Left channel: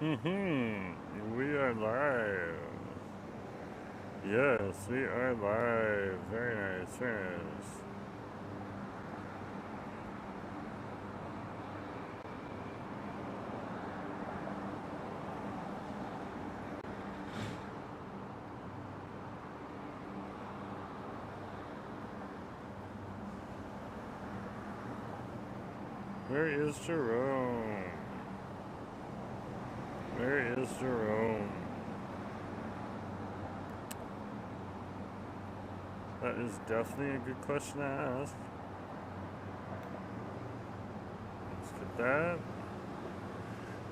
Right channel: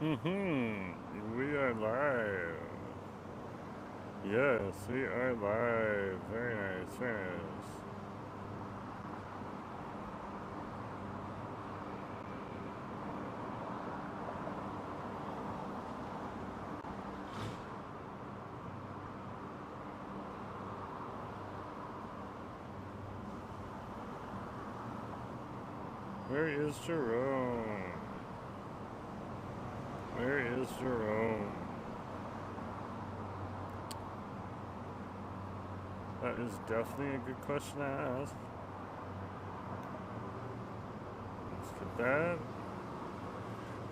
We are live. Yes, we are live. Very nice, very nice. Where is Jerome? Where is Jerome? That is definitely a good question to ask. Let's get that.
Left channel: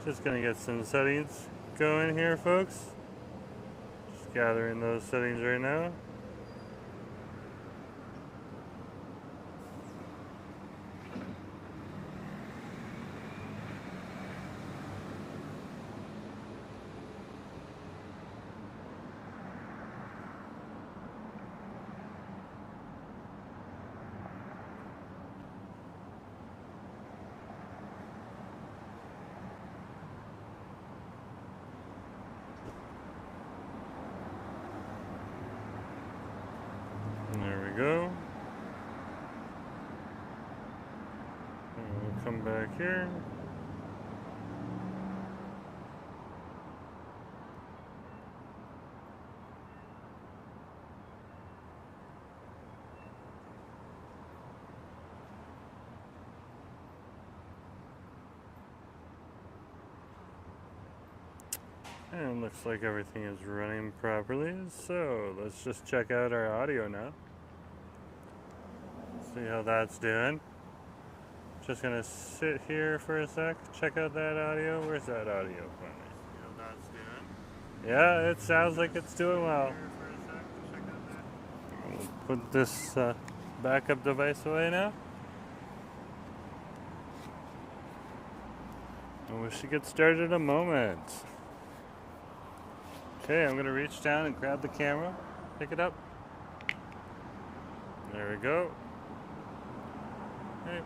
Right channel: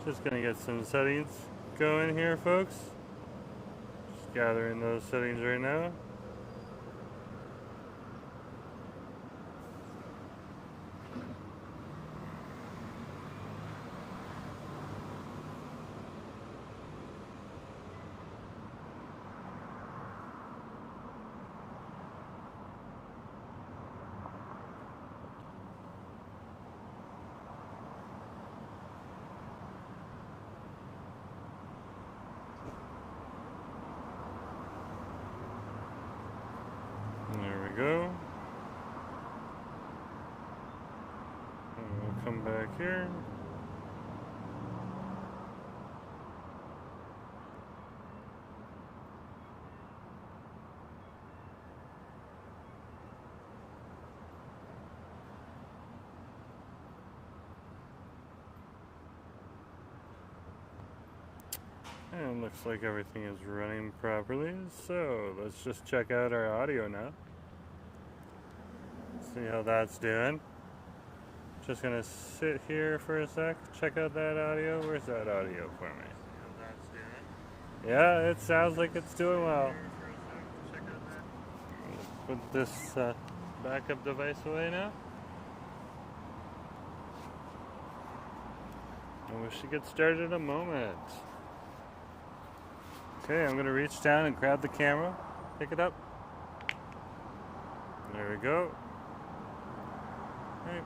Just gonna get some settings going here, folks. Just gathering those settings right now. There we go. And we'll come back here. And looks like everything is running properly, so let's just check out our audio now. See how that's doing. Just gonna sit here for a sec, check out that audio. Where's that audio for me? See how that's doing. Yeah, it sounds like it's doing well. Let's put this backup device away now. And we should get started in a moment. Okay, I'm gonna reach down and grab the camera, pick it up. There we go. Hey.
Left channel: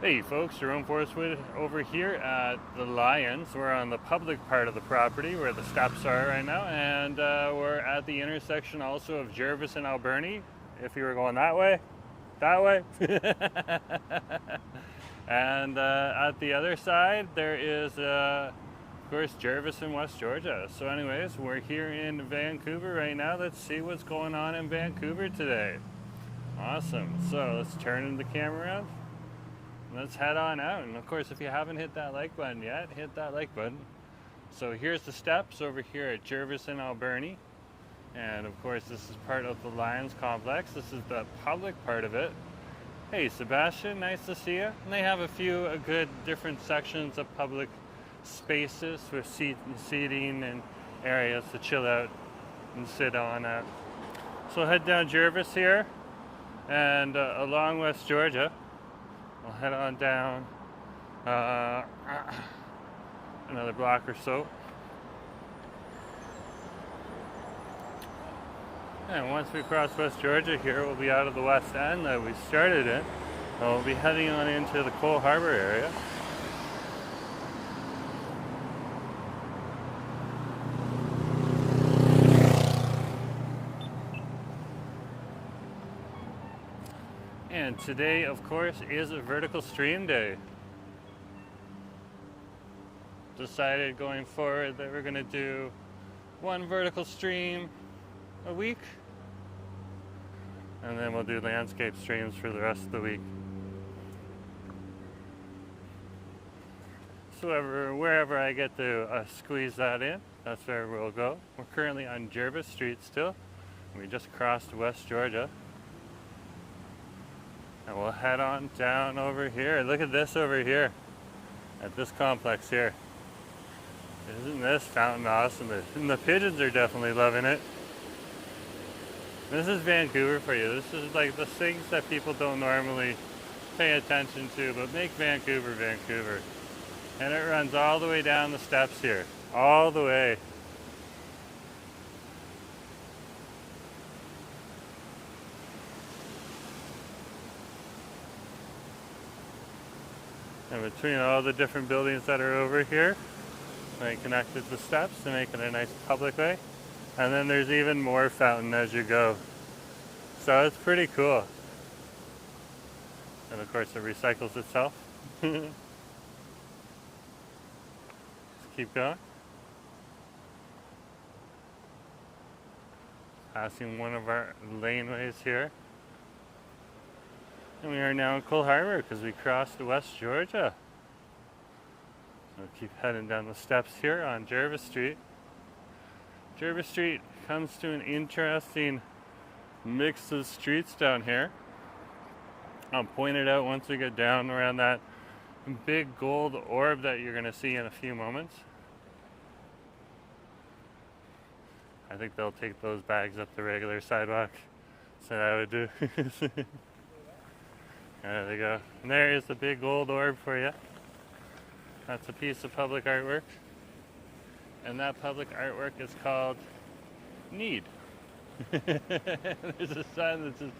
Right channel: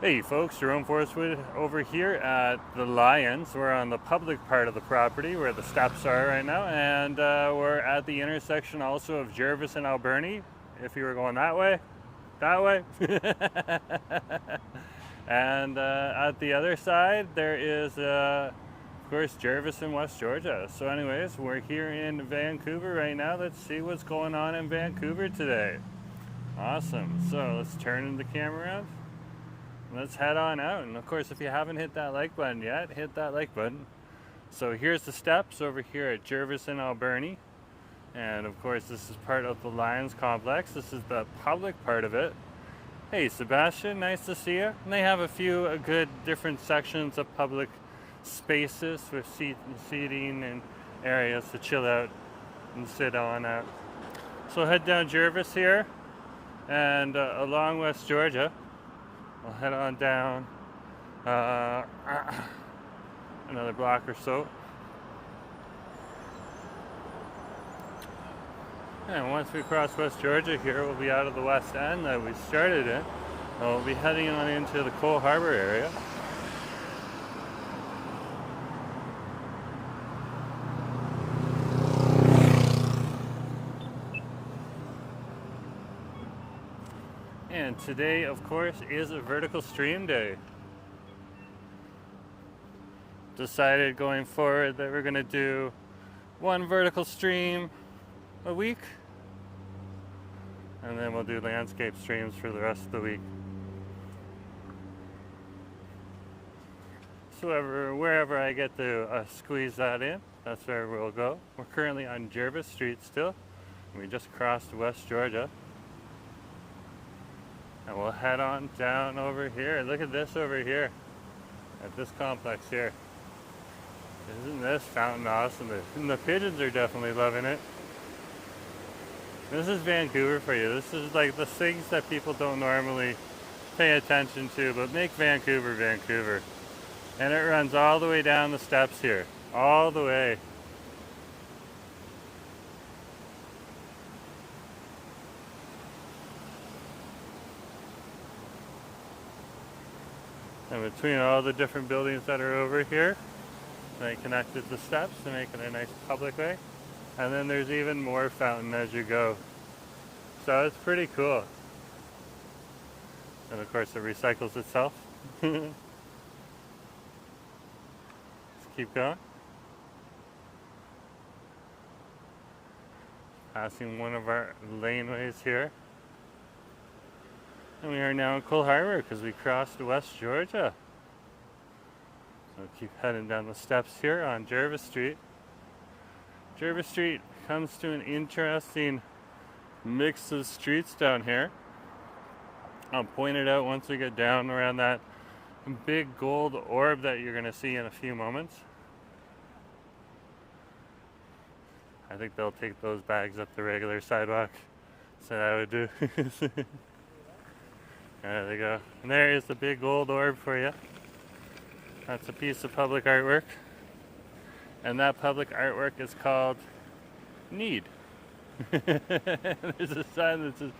Hey folks, Jerome Forestwood over here at the Lions. We're on the public part of the property where the steps are right now, and we're at the intersection also of Jervis and Alberni. If you were going that way. And at the other side there is of course Jervis in West Georgia. So anyways, we're here in Vancouver right now. Let's see what's going on in Vancouver today. Awesome. So let's turn the camera around. Let's head on out. And of course, if you haven't hit that like button yet, hit that like button. So here's the steps over here at Jervis and Alberni. And of course, this is part of the Lions complex. This is the public part of it. Hey Sebastian, nice to see you. And they have a few good different sections of public spaces for seating and areas to chill out and sit on at. So head down Jervis here and along West Georgia. I'll head on down another block or so. And once we cross West Georgia here, we'll be out of the West End that we started in. And we'll be heading on into the Cole Harbor area. And today, of course, is a vertical stream day. Decided going forward that we're going to do one vertical stream a week. And then we'll do landscape streams for the rest of the week. So wherever I get to squeeze that in, that's where we'll go. We're currently on Jervis Street still. We just crossed West Georgia. And we'll head on down over here. Look at this over here. At this complex here. Isn't this fountain awesome? And the pigeons are definitely loving it. This is Vancouver for you. This is like the things that people don't normally pay attention to, but make Vancouver, Vancouver. And it runs all the way down the steps here. All the way. And between all the different buildings that are over here, they connected the steps to make it a nice public way. And then there's even more fountain as you go. So it's pretty cool. And of course it recycles itself. Let's keep going. Passing one of our laneways here. And we are now in Cole Harbor because we crossed West Georgia. We'll keep heading down the steps here on Jervis Street. Jervis Street comes to an interesting mix of streets down here. I'll point it out once we get down around that big gold orb that you're going to see in a few moments. I think they'll take those bags up the regular sidewalk. So that would do. There they go. And there is the big gold orb for you. That's a piece of public artwork. And that public artwork is called Need. There's a sign that says,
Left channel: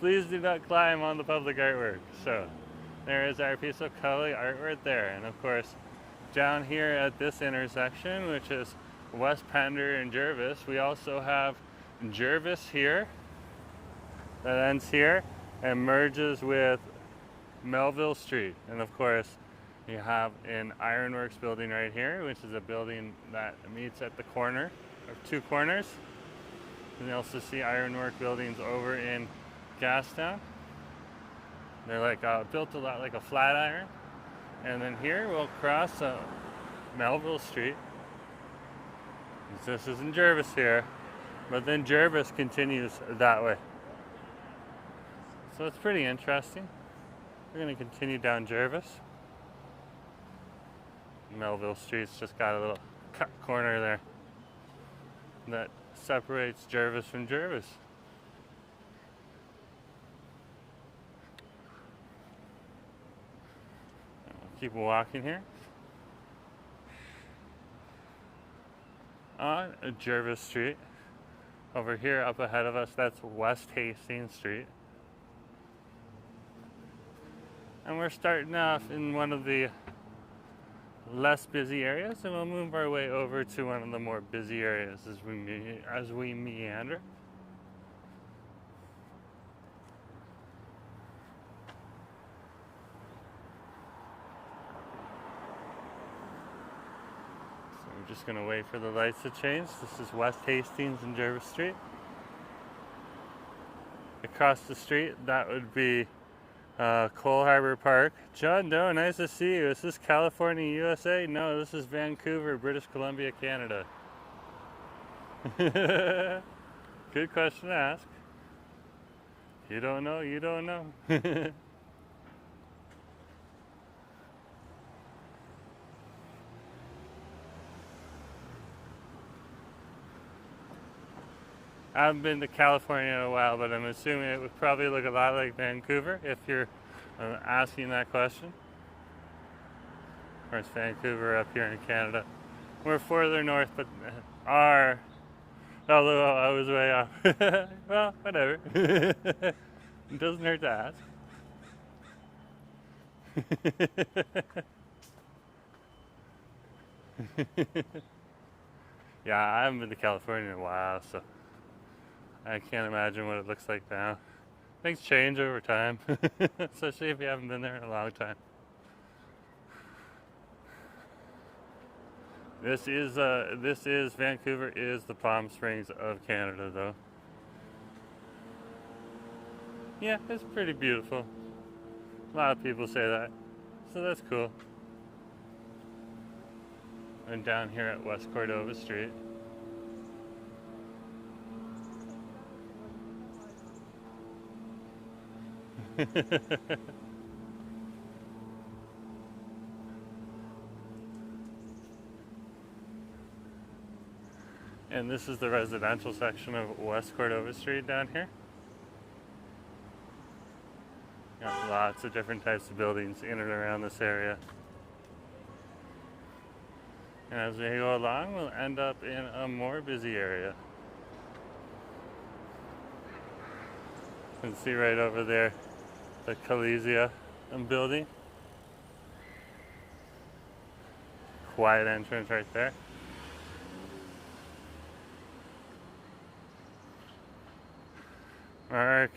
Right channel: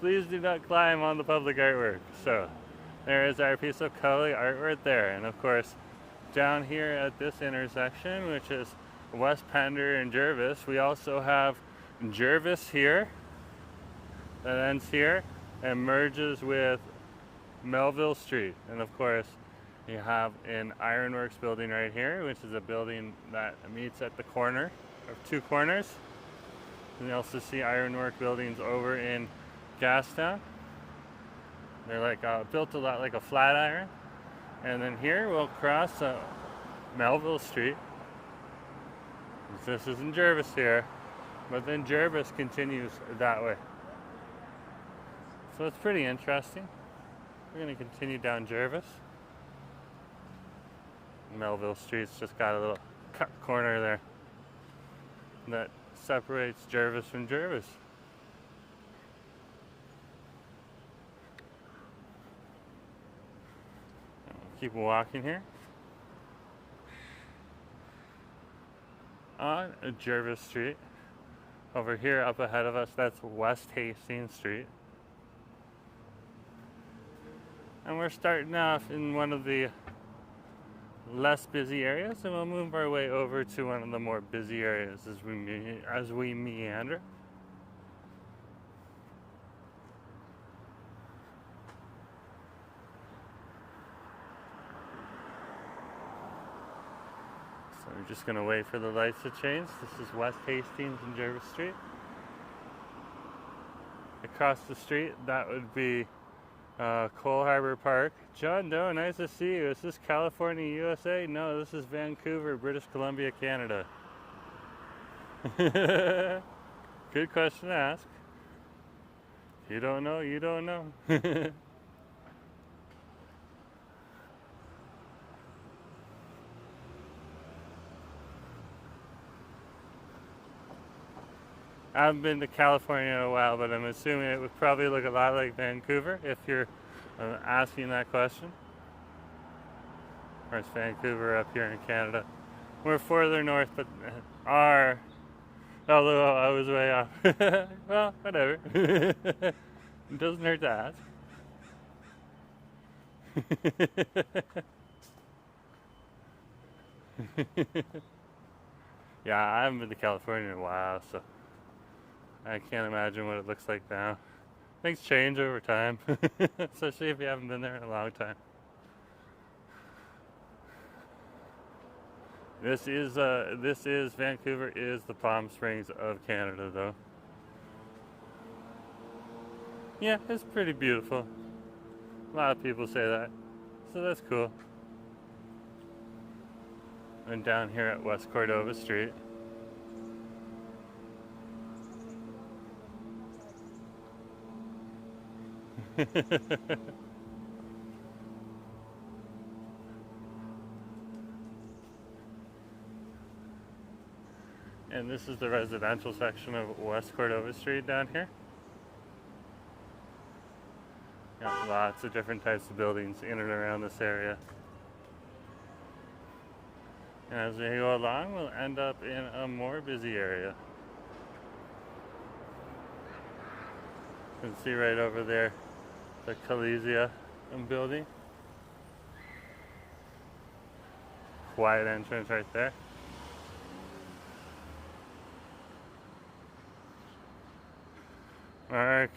please do not climb on the public artwork. So there is our piece of color artwork there. And of course, down here at this intersection, which is West Pender and Jervis, we also have Jervis here that ends here and merges with Melville Street. And of course, you have an ironworks building right here, which is a building that meets at the corner of two corners. And you also see ironwork buildings over in Gastown. They're like built a lot like a flat iron. And then here we'll cross Melville Street. This isn't Jervis here, but then Jervis continues that way. So it's pretty interesting. We're going to continue down Jervis. Melville Street's just got a little cut corner there that separates Jervis from Jervis. We'll keep walking here. On Jervis Street. Over here up ahead of us, that's West Hastings Street. And we're starting off in one of the less busy areas, and we'll move our way over to one of the more busy areas as we meander. So we're just going to wait for the lights to change. This is West Hastings and Jervis Street. Across the street, that would be Cole Harbor Park. John Doe, nice to see you. Is this California, USA? No, this is Vancouver, British Columbia, Canada. Good question to ask. You don't know, you don't know. I haven't been to California in a while, but I'm assuming it would probably look a lot like Vancouver if you're asking that question. Of course, Vancouver up here in Canada. We're further north, but although I was way off. Well, whatever. It doesn't hurt to ask. Yeah, I haven't been to California in a while, so I can't imagine what it looks like now. Things change over time, especially if you haven't been there in a long time. This is Vancouver is the Palm Springs of Canada, though. Yeah, it's pretty beautiful. A lot of people say that, so that's cool. And down here at West Cordova Street. And this is the residential section of West Cordova Street down here. Got lots of different types of buildings in and around this area. And as we go along, we'll end up in a more busy area. You can see right over there the Calesia building. quiet entrance right there. Mark.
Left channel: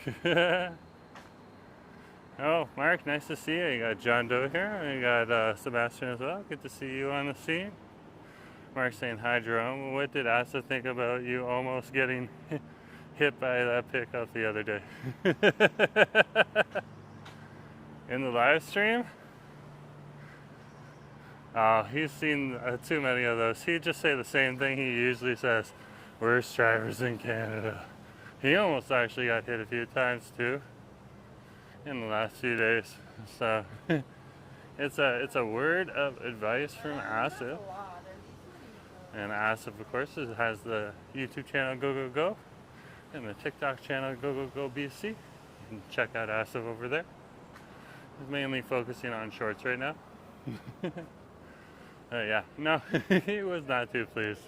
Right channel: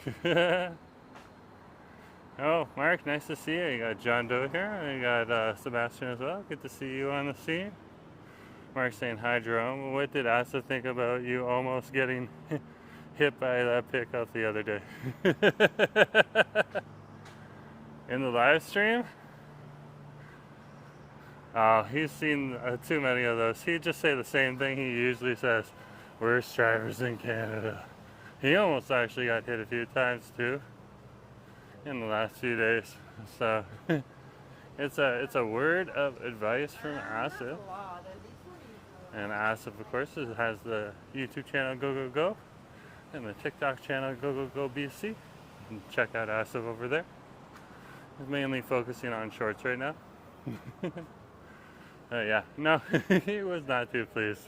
Oh, Mark, nice to see you. You got John Doe here, and you got Sebastian as well. Good to see you on the scene. Mark saying hi, Jerome. What did Asa think about you almost getting hit by that pickup the other day? In the live stream? Oh, he's seen too many of those. He'd just say the same thing he usually says. Worst drivers in Canada. He almost actually got hit a few times too in the last few days. So it's a word of advice from Asif. And Asif, of course, has the YouTube channel Go Go Go and the TikTok channel Go Go Go BC. You can check out Asif over there. He's mainly focusing on shorts right now. Yeah, no, he was not too pleased.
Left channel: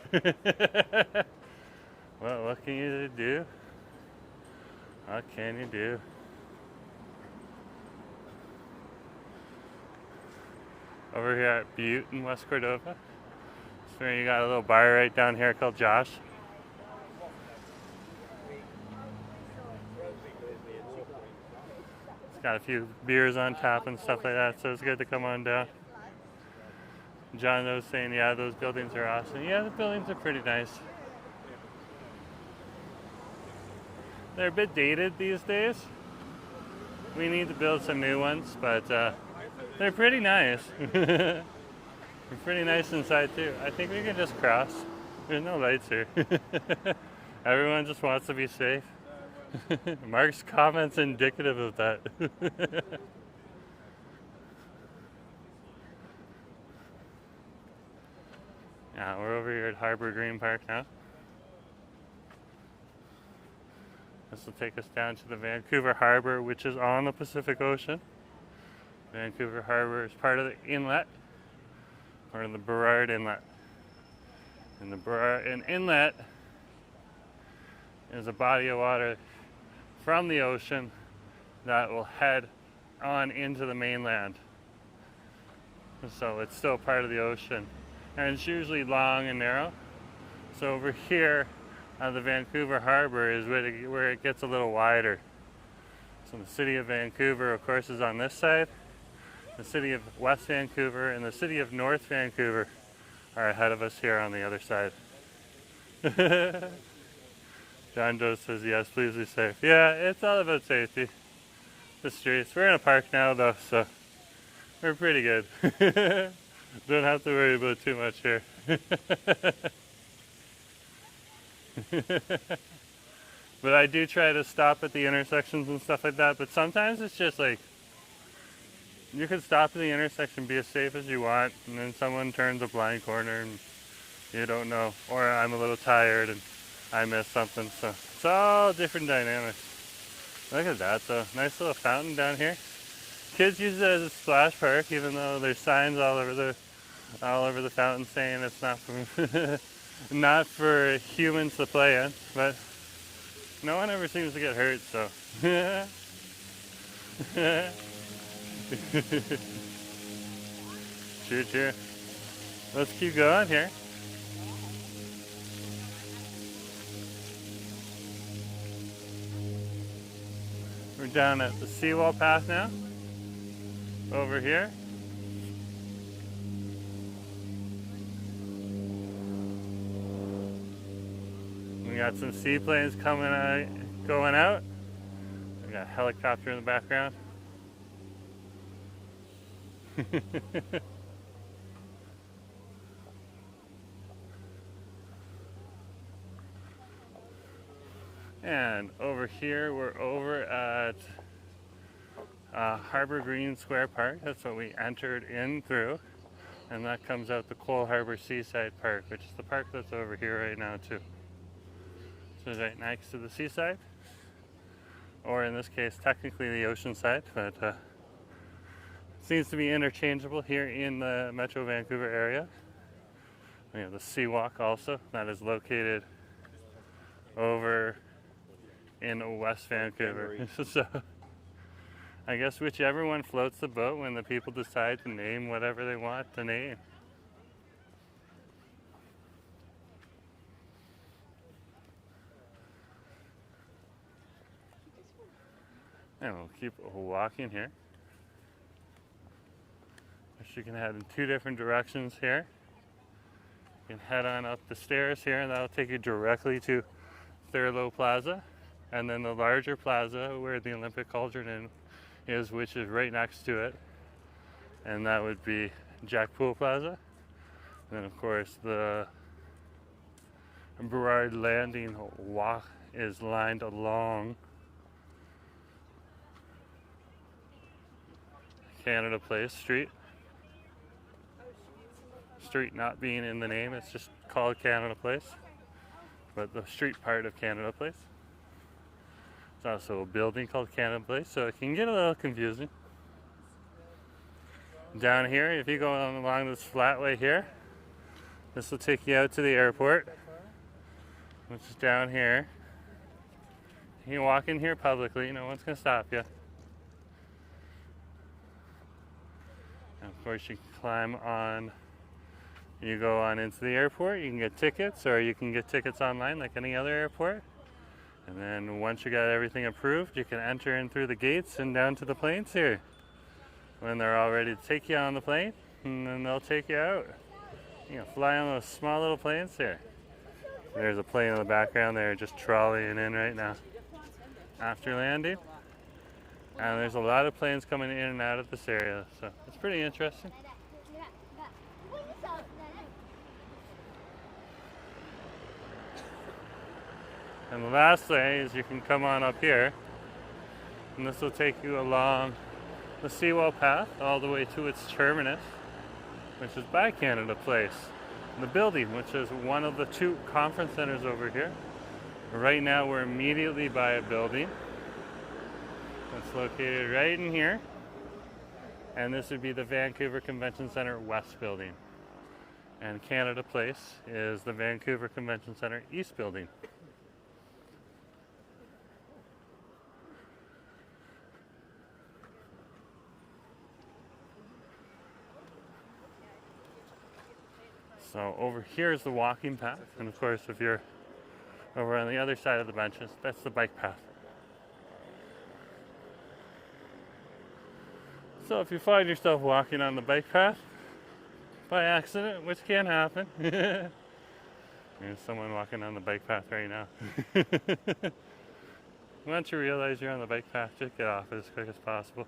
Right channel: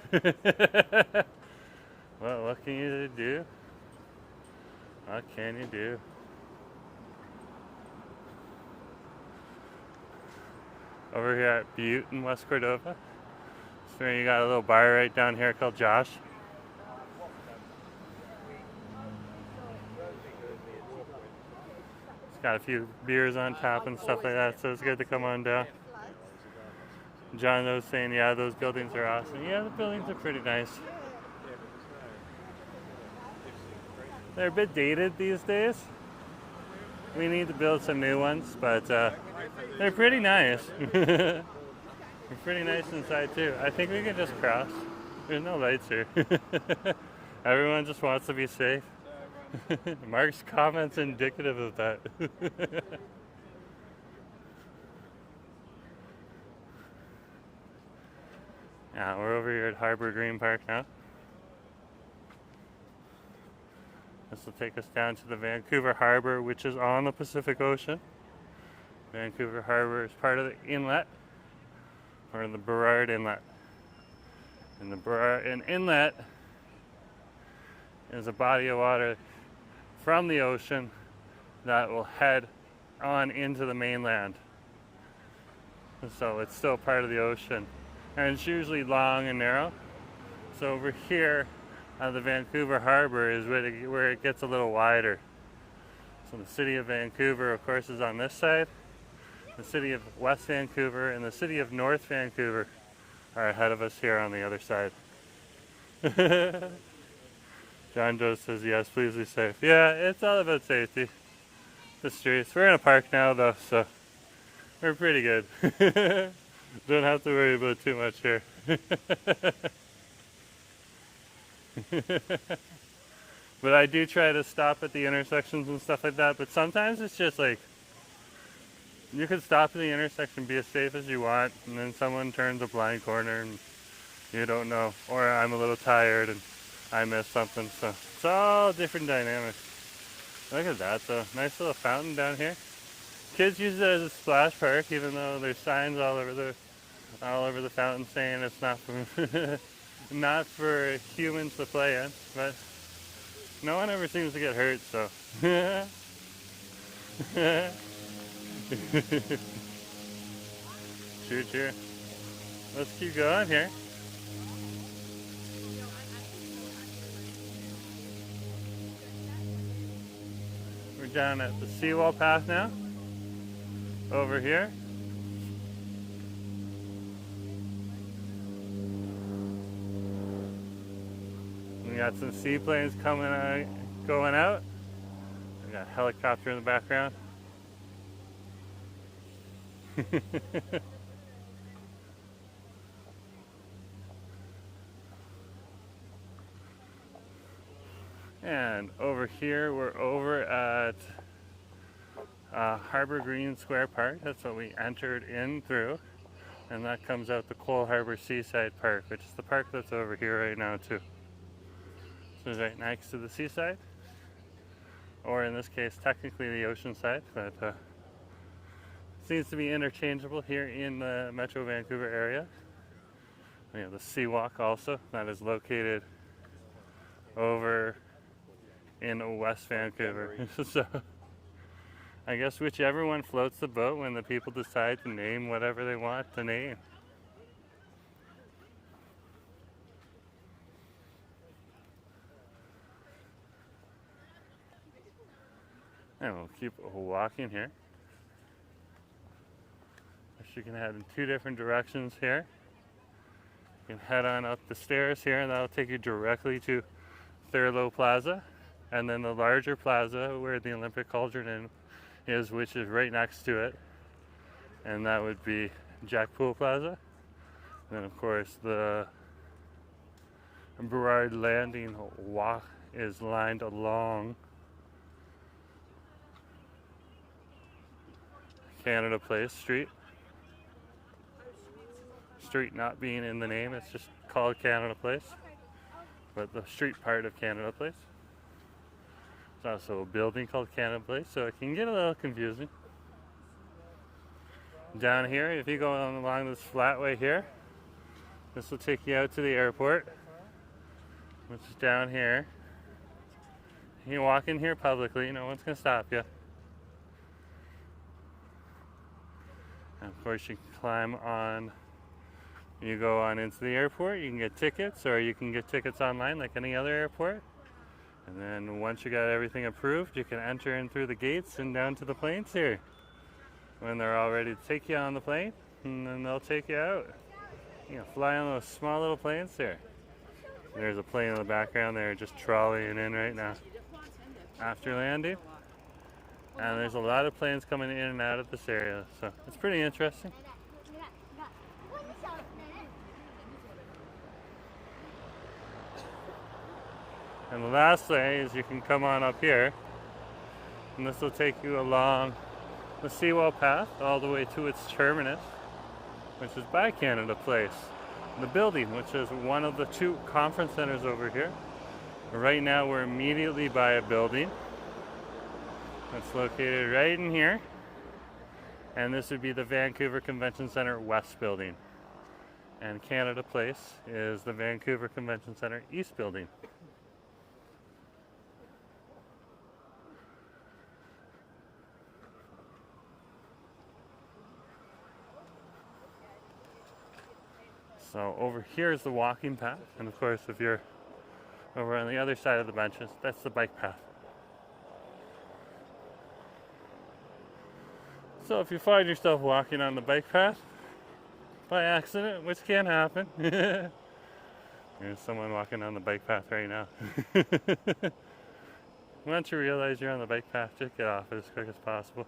Well, what can you do? What can you do? Over here at Butte in West Cordova. So you got a little bar right down here called Josh. It's got a few beers on tap and stuff like that, so it's good to come on down. John was saying, yeah, those buildings are awesome. Yeah, the buildings are pretty nice. They're a bit dated these days. We need to build some new ones, but they're pretty nice. They're pretty nice inside too. I think we can just cross. There's no lights here. Everyone just wants to be safe. Mark's comments indicative of that. Yeah, we're over here at Harbor Green Park now. This will take us down to the Vancouver Harbor, which is on the Pacific Ocean. Vancouver Harbor is part of the inlet, part of the Burrard Inlet. And the Burrard Inlet is a body of water from the ocean that will head on into the mainland. So it's still part of the ocean. And it's usually long and narrow. So over here at the Vancouver Harbor is where it gets a little wider. So the city of Vancouver, of course, is on this side. The city of West Vancouver and the city of North Vancouver are ahead of us here on the other side. John Doe says, yes, please be safe. Yeah, it's all about safety. The streets. We're in a park now, though, so we're pretty good. Don't have to worry about too much here. But I do try to stop at the intersections and stuff like that, but sometimes it's just like, you can stop in the intersection, be as safe as you want, and then someone turns a blind corner and you don't know. Or I'm a little tired and I missed something, so it's all different dynamics. Look at that though, nice little fountain down here. Kids use it as a splash park, even though there's signs all over the fountain saying it's not for not for humans to play in. But no one ever seems to get hurt, so. Cheer, cheer. Let's keep going here. We're down at the seawall path now. Over here. We got some seaplanes coming out, going out. We got a helicopter in the background. And over here, we're over at Harbor Green Square Park. That's what we entered in through. And that comes out the Cole Harbor Seaside Park, which is the park that's over here right now too. So it's right next to the seaside. Or in this case, technically the ocean side, but seems to be interchangeable here in the Metro Vancouver area. We have the Seawalk also, that is located over in West Vancouver. So I guess whichever one floats the boat when the people decide to name whatever they want to name. And we'll keep walking here. You can head in two different directions here. You can head on up the stairs here, and that'll take you directly to Thurlow Plaza, and then the larger plaza where the Olympic Cauldron is, which is right next to it, and that would be Jack Pool Plaza. And then of course the Burrard Landing walk is lined along Canada Place Street. Street not being in the name, it's just called Canada Place, but the street part of Canada Place. There's also a building called Canada Place, so it can get a little confusing. Down here, if you go along this flatway here, this will take you out to the airport, which is down here. You can walk in here publicly, no one's going to stop you. And of course you can climb on. You go on into the airport, you can get tickets, or you can get tickets online like any other airport. And then once you got everything approved, you can enter in through the gates and down to the planes here. When they're all ready to take you on the plane, and then they'll take you out. You can fly on those small little planes here. There's a plane in the background there just trolleying in right now after landing. And there's a lot of planes coming in and out of this area, so it's pretty interesting. And the last thing is you can come on up here, and this will take you along the Seawall Path all the way to its terminus, which is by Canada Place. The building, which is one of the two conference centers over here. Right now we're immediately by a building that's located right in here, and this would be the Vancouver Convention Center West Building. And Canada Place is the Vancouver Convention Center East Building. So over here is the walking path, and of course if you're over on the other side of the benches, that's the bike path. So if you find yourself walking on the bike path by accident, which can happen, there's someone walking on the bike path right now. Once you realize you're on the bike path, just get off it as quick as possible.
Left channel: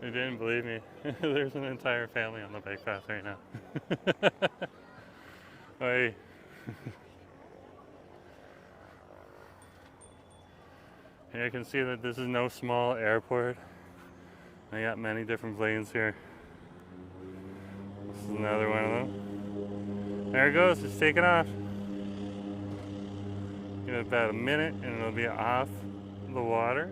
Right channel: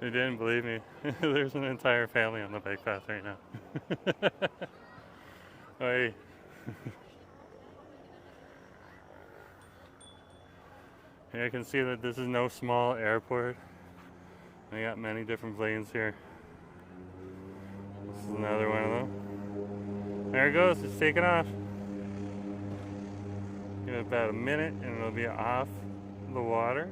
They didn't believe me. There's an entire family on the bike path right now. Wait. Here you can see that this is no small airport. They got many different planes here. This is another one of them. There it goes, it's taking off. Give it about a minute and it'll be off the water.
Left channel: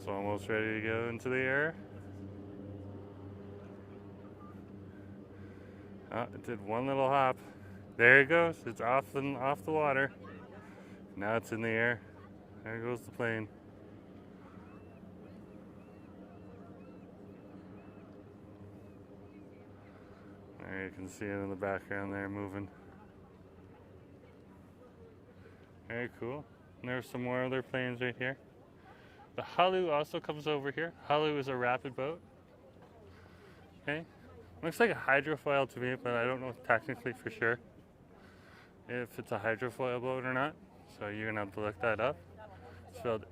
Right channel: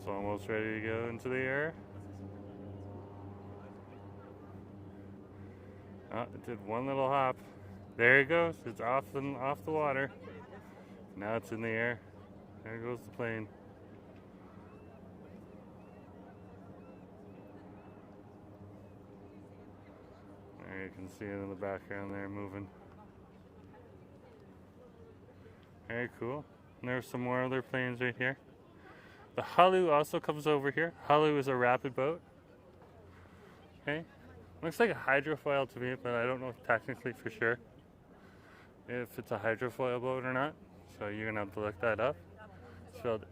It's almost ready to go into the air. Oh, it did one little hop. There it goes. It's off the water. Now it's in the air. There goes the plane. There you can see it in the background there moving. Very cool. And there's some more other planes right here. The Halu also comes over here. Halu is a rapid boat. Okay. Looks like a hydrofoil to me, but I don't know technically for sure if it's a hydrofoil boat or not. So you're gonna have to look that up. It's spelled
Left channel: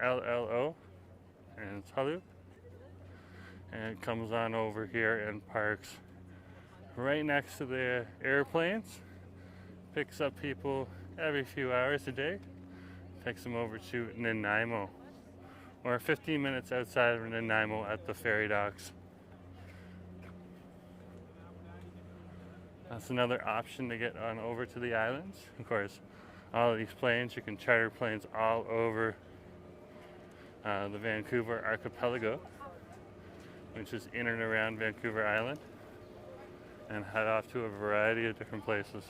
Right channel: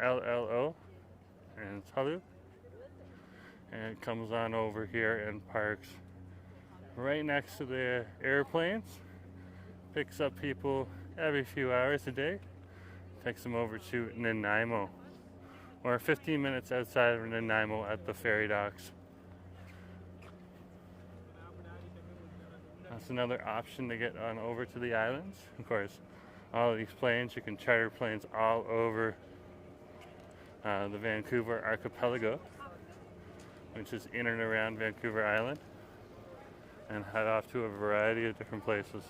Hullo, and it's Halu. And it comes on over here and parks right next to the airplanes. Picks up people every few hours a day. Takes them over to Nanaimo. Or 15 minutes outside of Nanaimo at the ferry docks. That's another option to get on over to the islands. Of course, all of these planes, you can charter planes all over the Vancouver archipelago, which is in and around Vancouver Island, and head off to a variety of different places.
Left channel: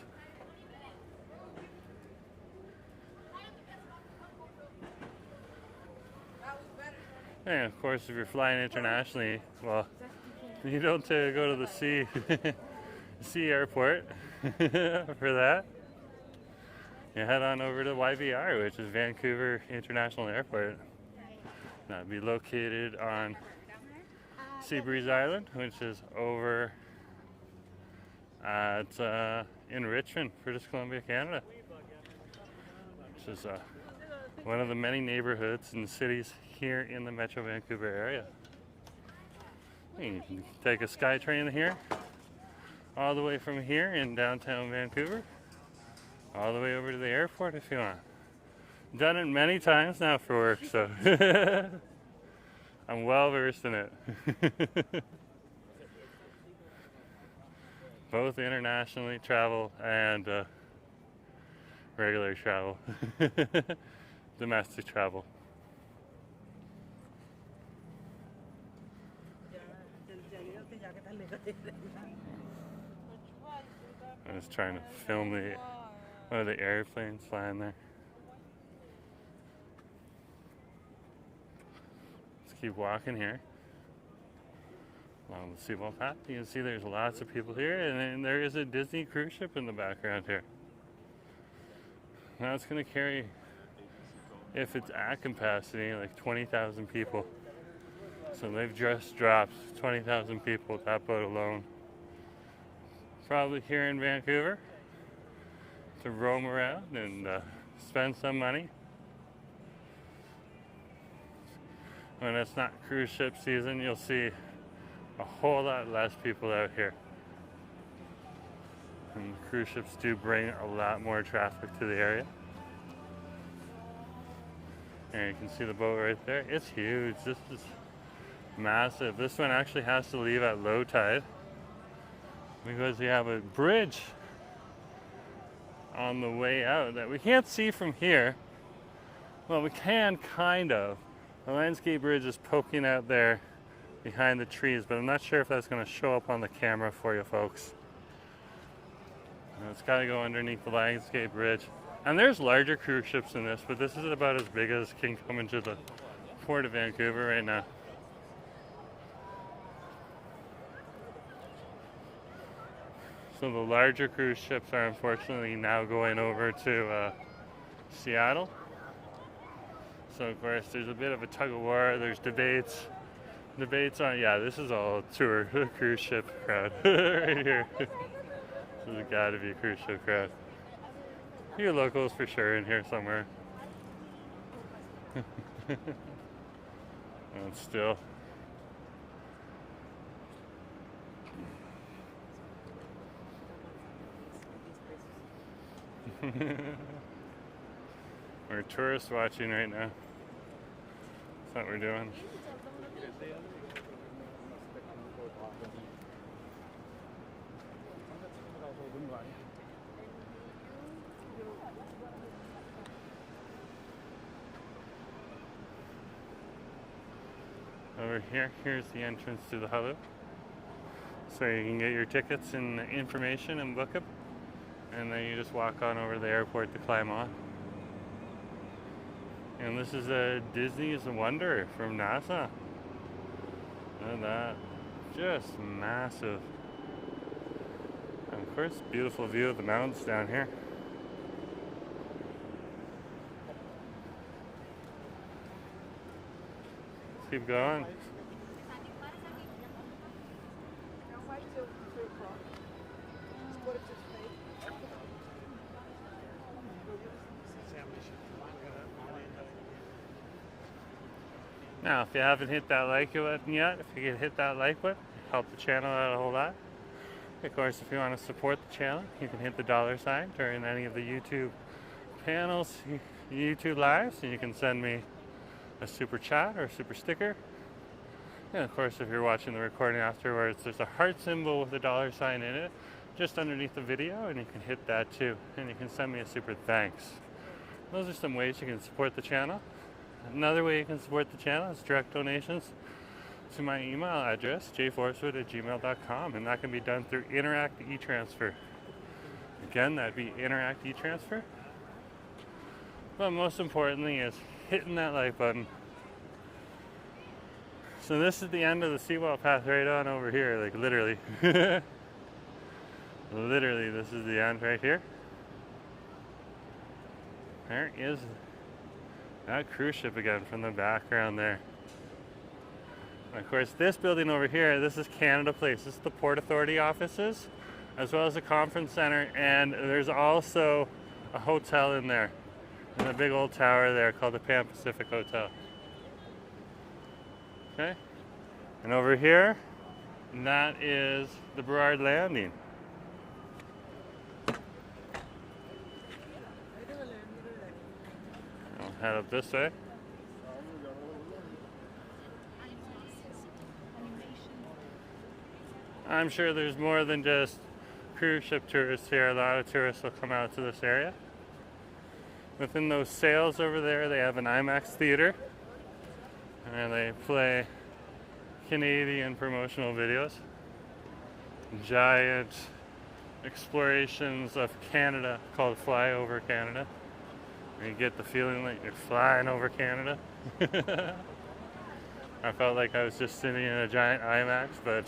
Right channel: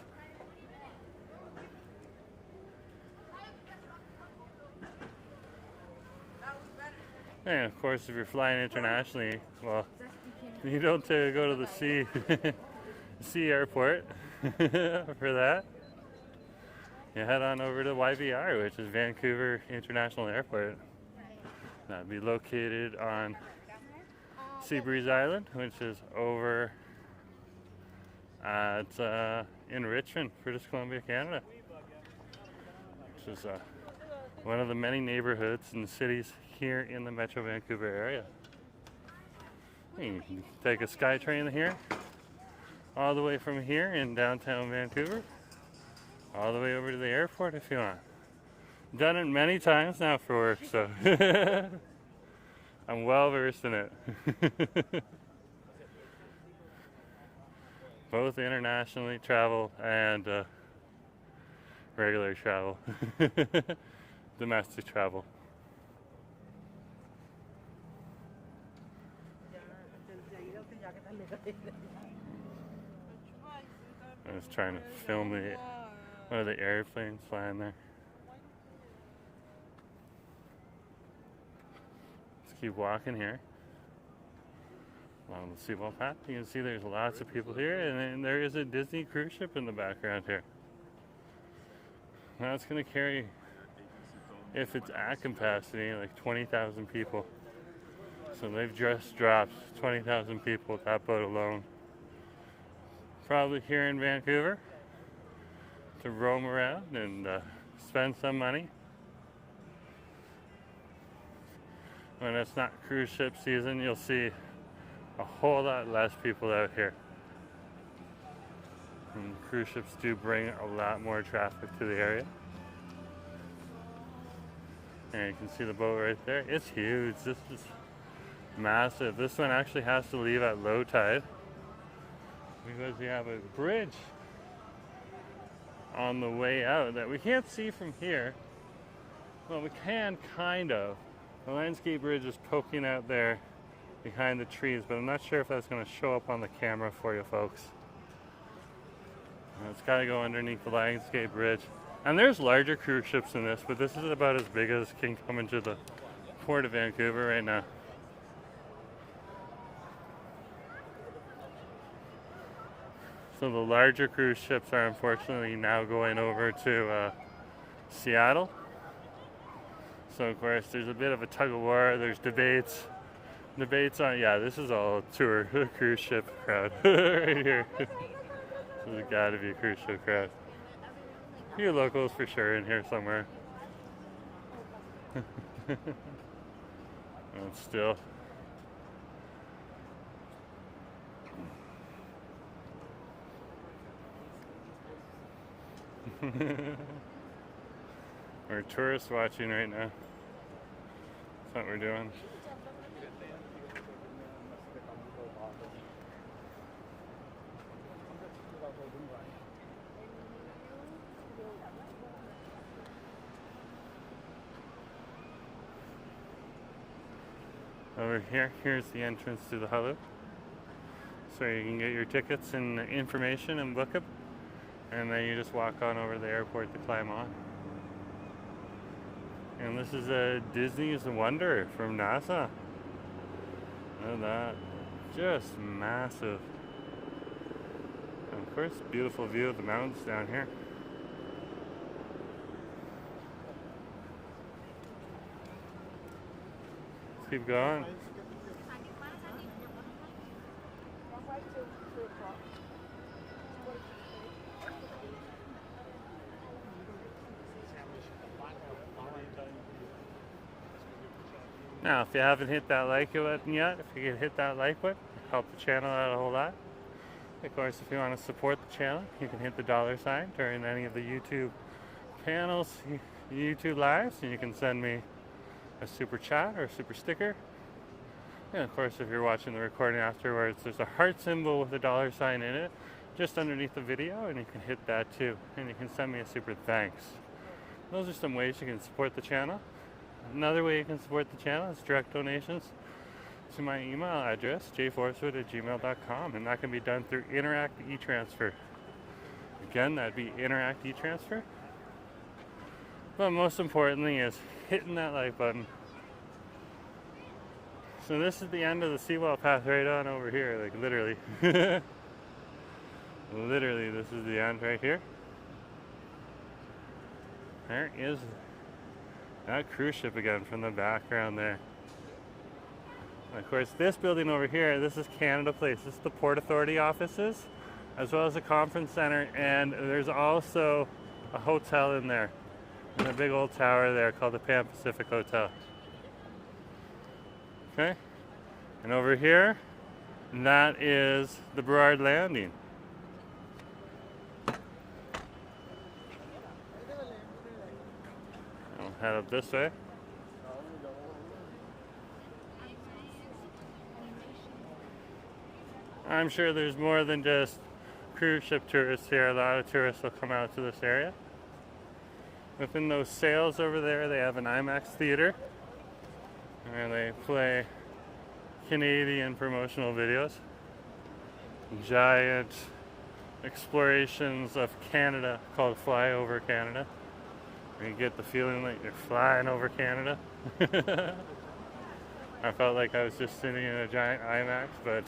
And of course, if you're flying internationally, well, you don't go to the sea airport for that. You head on over to YVR, which is Vancouver International Airport. That'd be located on Seabreeze Island, which is over at in Richmond, British Columbia, Canada, which is one of the many neighborhoods and cities here in the Metro Vancouver area. You can take a SkyTrain here, all the way from here in downtown Vancouver, all the way over to the airport if you want. Done it many times now for work, so I'm well versed in it. Both internationally travel and regular travel, domestic travel. I was trying to film the airplanes flying there. Let's keep walking here along the seawall path. You can see there's lots of people here, and then there is a Disney cruise ship in the background here. Now it's going to carry, if it's at capacity, like 20,000 people. So they've just dropped 20,000 people with that boat alone. Probably here in Vancouver to roam around and spend some money. When it's not cruise ship season, you'll see a whole lot less people out here. And cruise ships do bring a lot more traffic to the area. And you can see the boat right there. It's huge. This is massive. This one actually has to leave at low tide because you have a bridge on the way out that we can't see from here. Well, we can kind of. The landscape bridge is poking out there behind the trees, but I'm not sure if that's going to show up on the camera for you folks. It's got to go underneath the landscape bridge. And there's larger cruise ships than this, but this is about as big as can come into the port of Vancouver right now. So the larger cruise ships are unfortunately now going over to Seattle. So of course there's a bit of a tug of war. There's debates on, yeah, this is all tour cruise ship crowd right here. This has got to be a cruise ship crowd. A few locals for sure in here somewhere. And still. We're tourist watching right now. That's what we're doing. Over here, here's the entrance to the Hullo. So you can get your tickets and information and book it. And then you just walk on over to the airport to climb on. And this is a Disney's Wonder from NASA. Look at that. Just massive. And of course, beautiful view of the mountains down here. Let's keep going. Now, if you haven't hit that like button yet, if you can hit that like button, help the channel out a whole lot. Of course, if you want to support the channel, you can hit the $sign during any of the YouTube panels, YouTube lives, and you can send me a super chat or a super sticker. And of course, if you're watching the recording afterwards, there's a heart symbol with a $sign in it, just underneath the video, and you can hit that too. And you can send me a super thanks. Those are some ways you can support the channel. Another way you can support the channel is direct donations to my email address, jforcewood@gmail.com, and that can be done through Interact eTransfer. Again, that'd be Interact eTransfer. But most importantly is hitting that like button So this is the end of the seawall path right on over here, like literally. Literally, this is the end right here. There is that cruise ship again from the background there. And of course, this building over here, this is Canada Place. This is the Port Authority offices, as well as a conference center, and there's also a hotel in there. And a big old tower there called the Pan Pacific Hotel. Okay, and over here, that is the Burrard Landing. I'll head up this way. I'm sure there's more than just cruise ship tourists here. A lot of tourists will come out to this area. Within those sails over there, they have an IMAX theater, and they play Canadian promotional videos. Giant explorations of Canada called Fly Over Canada, where you get the feeling that you're flying over Canada. I felt like I was just sitting in a giant IMAX, but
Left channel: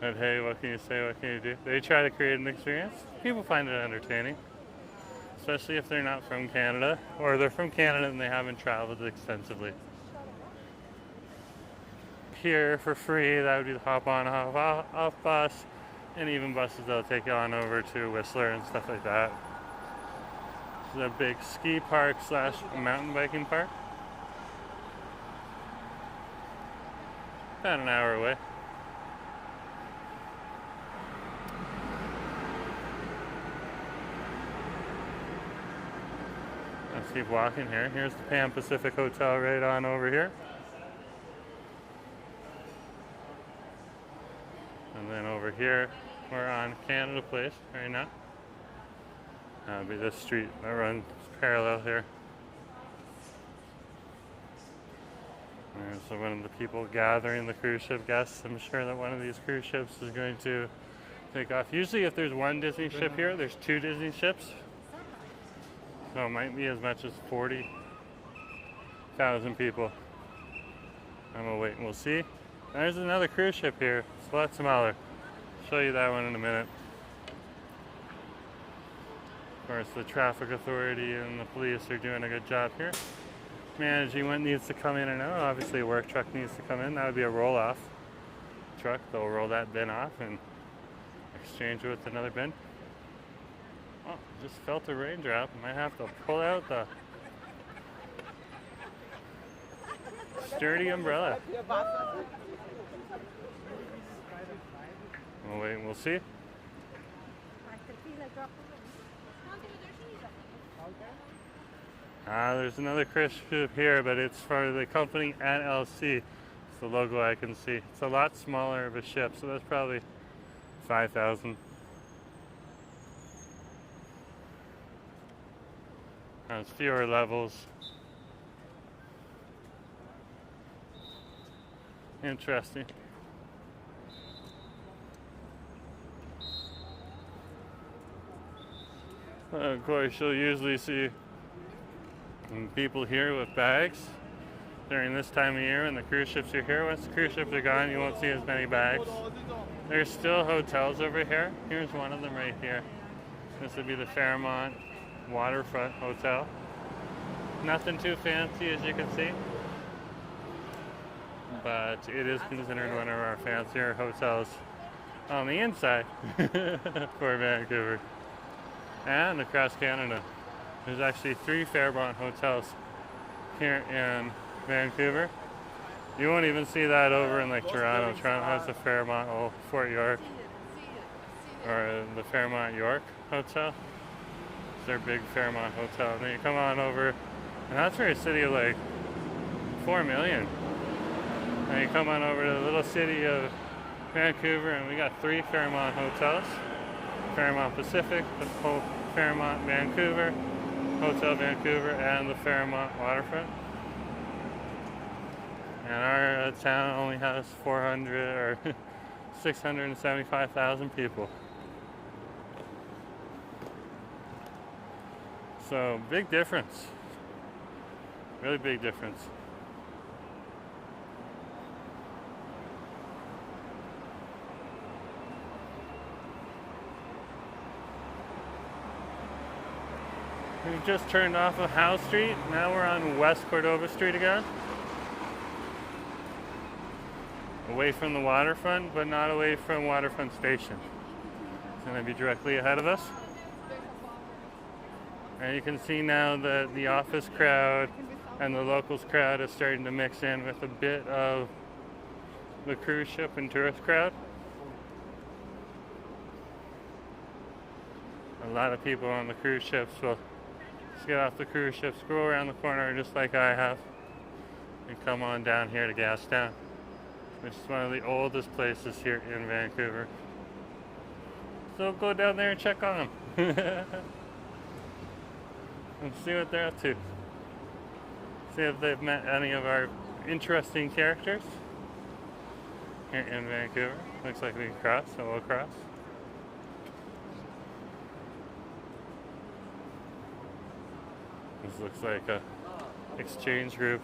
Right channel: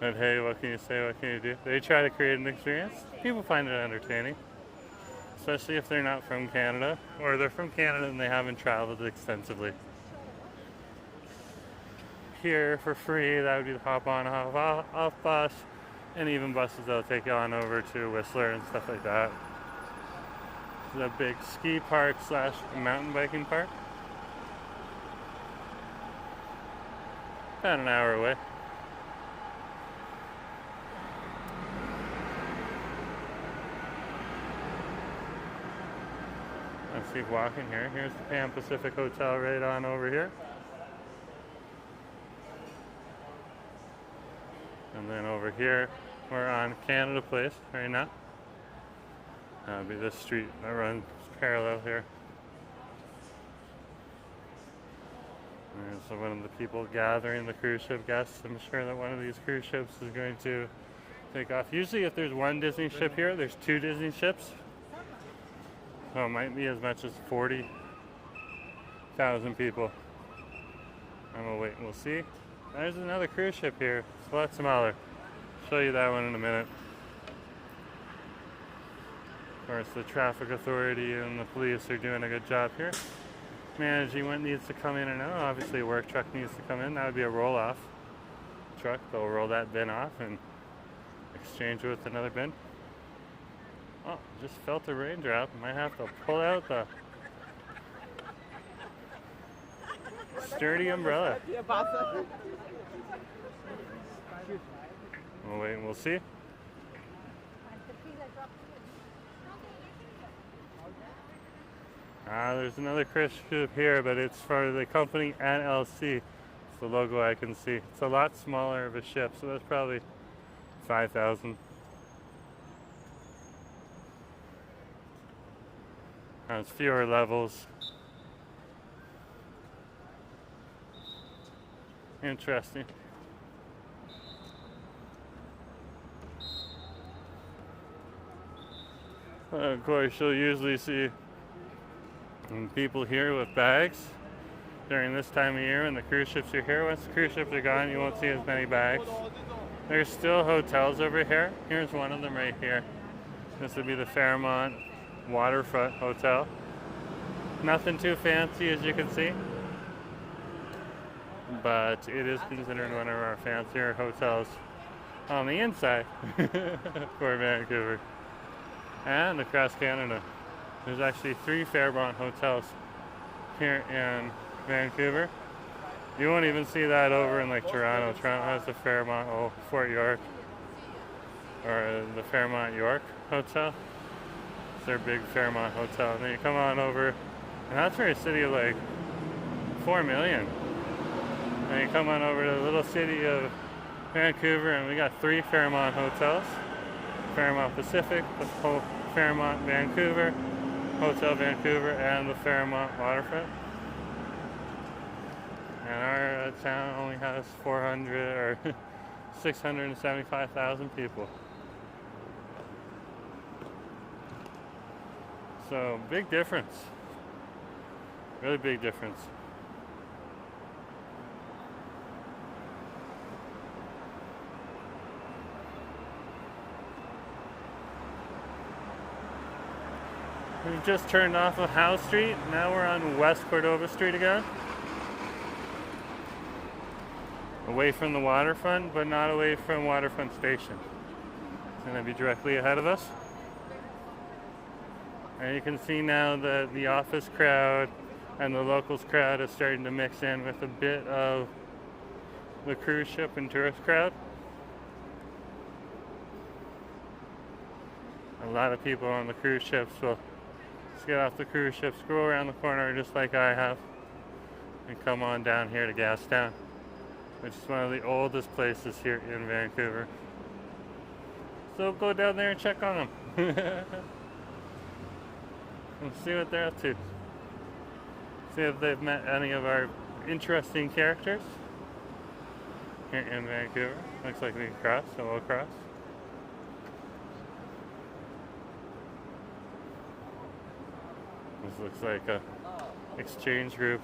but hey, what can you say, what can you do? They try to create an experience. People find it entertaining, especially if they're not from Canada, or they're from Canada and they haven't traveled extensively. Here for free, that would be the hop on, hop off bus, and even buses that'll take you on over to Whistler and stuff like that. This is a big ski park slash mountain biking park. About an hour away. Let's keep walking here. Here's the Pan Pacific Hotel right on over here. And then over here, we're on Canada Place right now. That'll be this street that runs parallel here. And so one of the people gathering the cruise ship guests, I'm sure that one of these cruise ships is going to take off. Usually if there's one Disney ship here, there's two Disney ships. So it might be as much as 40,000 people. And we'll wait and we'll see. There's another cruise ship here. It's a lot smaller. I'll show you that one in a minute. Of course, the traffic authority and the police are doing a good job here, managing what needs to come in and out. Obviously a work truck needs to come in. That would be a roll-off truck. They'll roll that bin off and exchange it with another bin. Oh, just felt a raindrop. Might have to pull out the sturdy umbrella. We'll wait and we'll see. There's another cruise ship here, but it's for the company NLC. It's the logo I can see. It's a lot smaller of a ship, so that's probably 5,000. Has fewer levels. Interesting. Of course, you'll usually see people here with bags during this time of year when the cruise ships are here. Once the cruise ships are gone, you won't see as many bags. There's still hotels over here. Here's one of them right here. This would be the Fairmont Waterfront Hotel. Nothing too fancy, as you can see, but it is considered one of our fancier hotels on the inside for Vancouver and across Canada. There's actually 3 Fairmont hotels here in Vancouver. You won't even see that over in like Toronto. Toronto has the Fairmont, Fort York, or the Fairmont York Hotel. It's their big Fairmont hotel. And then you come on over, and that's for a city of like 4 million. And you come on over to the little city of Vancouver, and we got 3 Fairmont hotels. Fairmont Pacific, the Fairmont Vancouver, Hotel Vancouver, and the Fairmont Waterfront. And our town only has 400 or 675,000 people. So big difference. Really big difference. We've just turned off of Howe Street. Now we're on West Cordova Street again. Away from the waterfront, but not away from Waterfront Station. It's going to be directly ahead of us. And you can see now that the office crowd and the locals crowd is starting to mix in with a bit of the cruise ship and tourist crowd. A lot of people on the cruise ships will just get off the cruise ship, scroll around the corner just like I have, and come on down here to Gastown, which is one of the oldest places here in Vancouver. So go down there and check on them. And see what they're up to. See if they've met any of our interesting characters here in Vancouver. Looks like we can cross, so we'll cross. This looks like a exchange group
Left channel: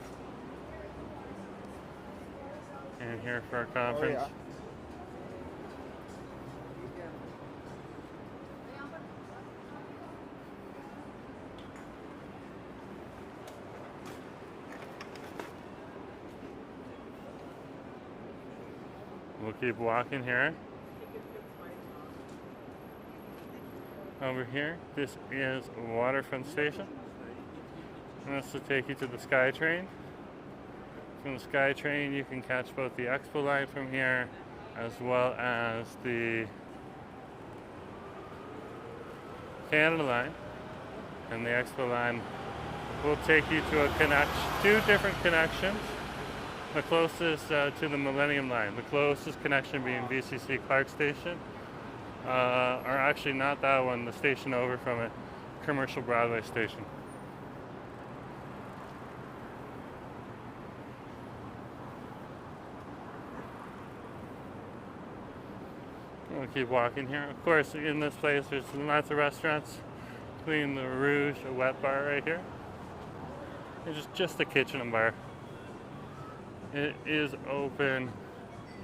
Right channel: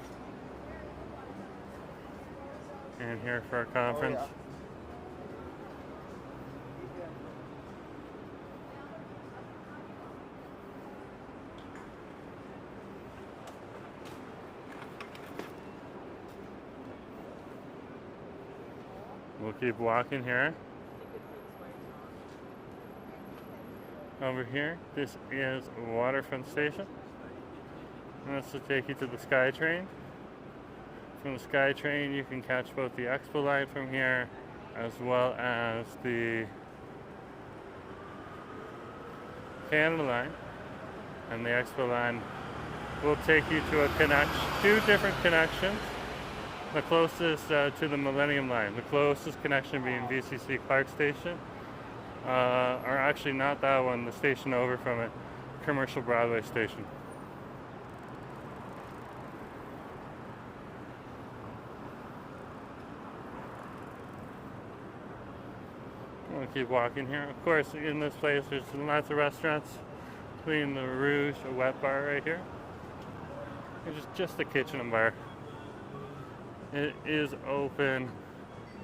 in here for a conference. We'll keep walking here. Over here, this is Waterfront Station. And this will take you to the SkyTrain. From the SkyTrain, you can catch both the Expo line from here, as well as the Canada line. And the Expo line will take you to two different connections. The closest to the Millennium line, the closest connection being VCC Clark Station, or actually not that one, the station over from it, Commercial Broadway Station. We'll keep walking here. Of course, in this place there's lots of restaurants, including the Rouge, a wet bar right here. There's just a kitchen and bar. It is open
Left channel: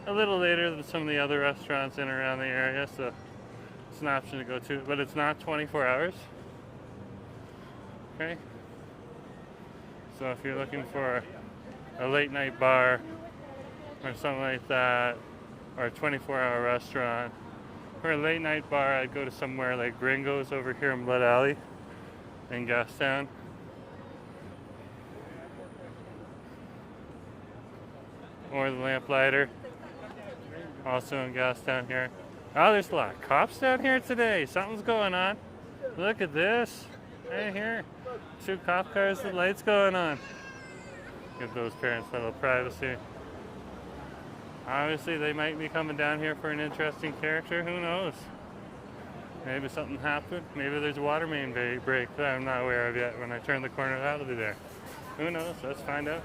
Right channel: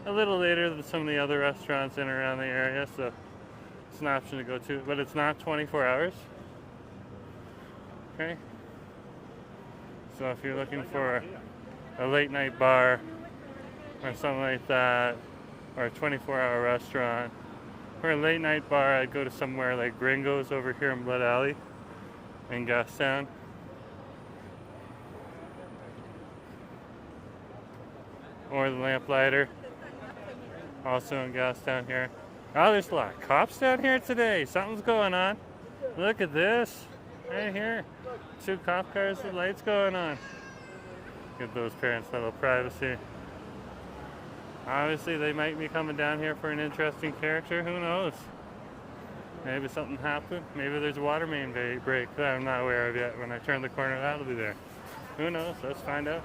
a little later than some of the other restaurants in and around the area, so it's an option to go to, but it's not 24 hours. Okay? So if you're looking for a late night bar or something like that, or a 24-hour restaurant, for a late night bar, I'd go to somewhere like Gringo's over here in Blood Alley in Gastown. Or the Lamplighter, also in Gastown here. Oh, there's a lot of cops down here today. Something's going on. Look at this. Right here. 2 cop cars with lights going on. Give those parents a little privacy. Obviously, they might be coming down here for an interesting character. Who knows? Maybe something happened. Maybe there's a water main break that I'm not aware of yet. When I turn the corner, that'll be there. Who knows? Let's find out.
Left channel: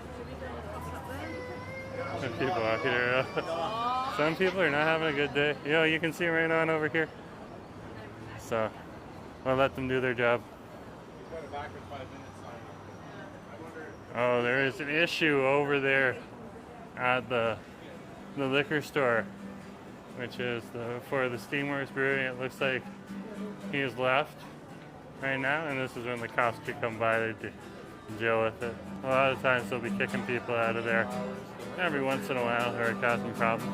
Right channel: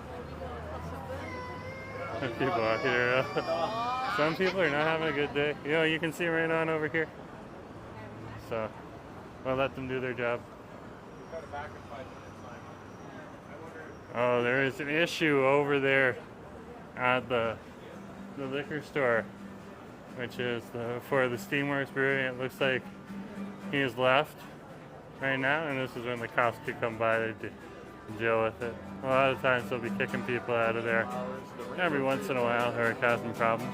People out here. Some people are not having a good day. You know, you can see right on over here. So, we'll let them do their job. Oh, there is an issue over there at the liquor store, which is for the Steamworks Brewery. It looks like he's left right now, and this is when the cops could come by to deal with it. A lot of times they'll be kicking people out of there every once in a while or causing problems.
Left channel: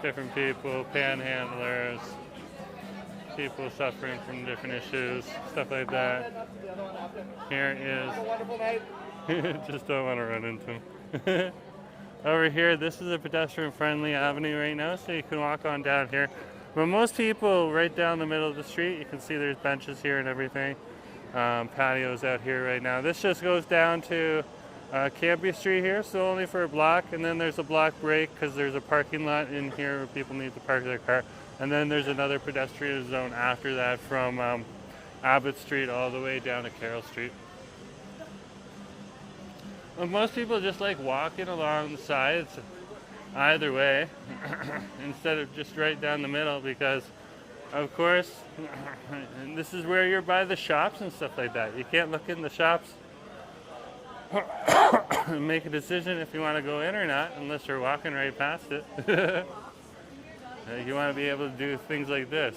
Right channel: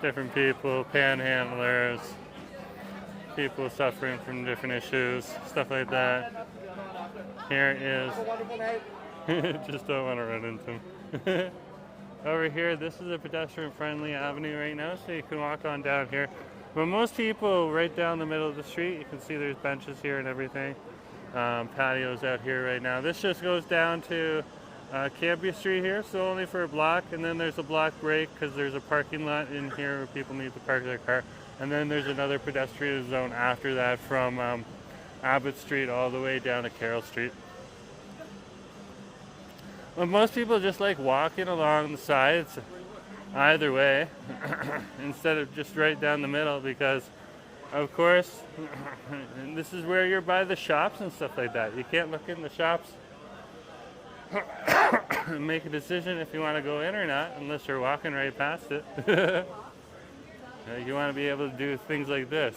Different people, panhandlers, people suffering from different issues, stuff like that. Here is, just don't want to run into him. Over here, this is a pedestrian-friendly avenue right now, so you can walk on down here. But most people right down the middle of the street, you can see there's benches here and everything. Patios out here right now. This just goes down to Cambie Street here, so only for a block, and then there's a block break because there's a parking lot in here where people need to park their car. And then there's another pedestrian zone after that from Abbott Street all the way down to Carroll Street. But most people just like walking along the sides either way instead of just right down the middle, because of course this is where you're by the shops and stuff like that. You can't look in the shops and make a decision if you want to go in or not unless you're walking right past it. Like, you want to be able to do things like this.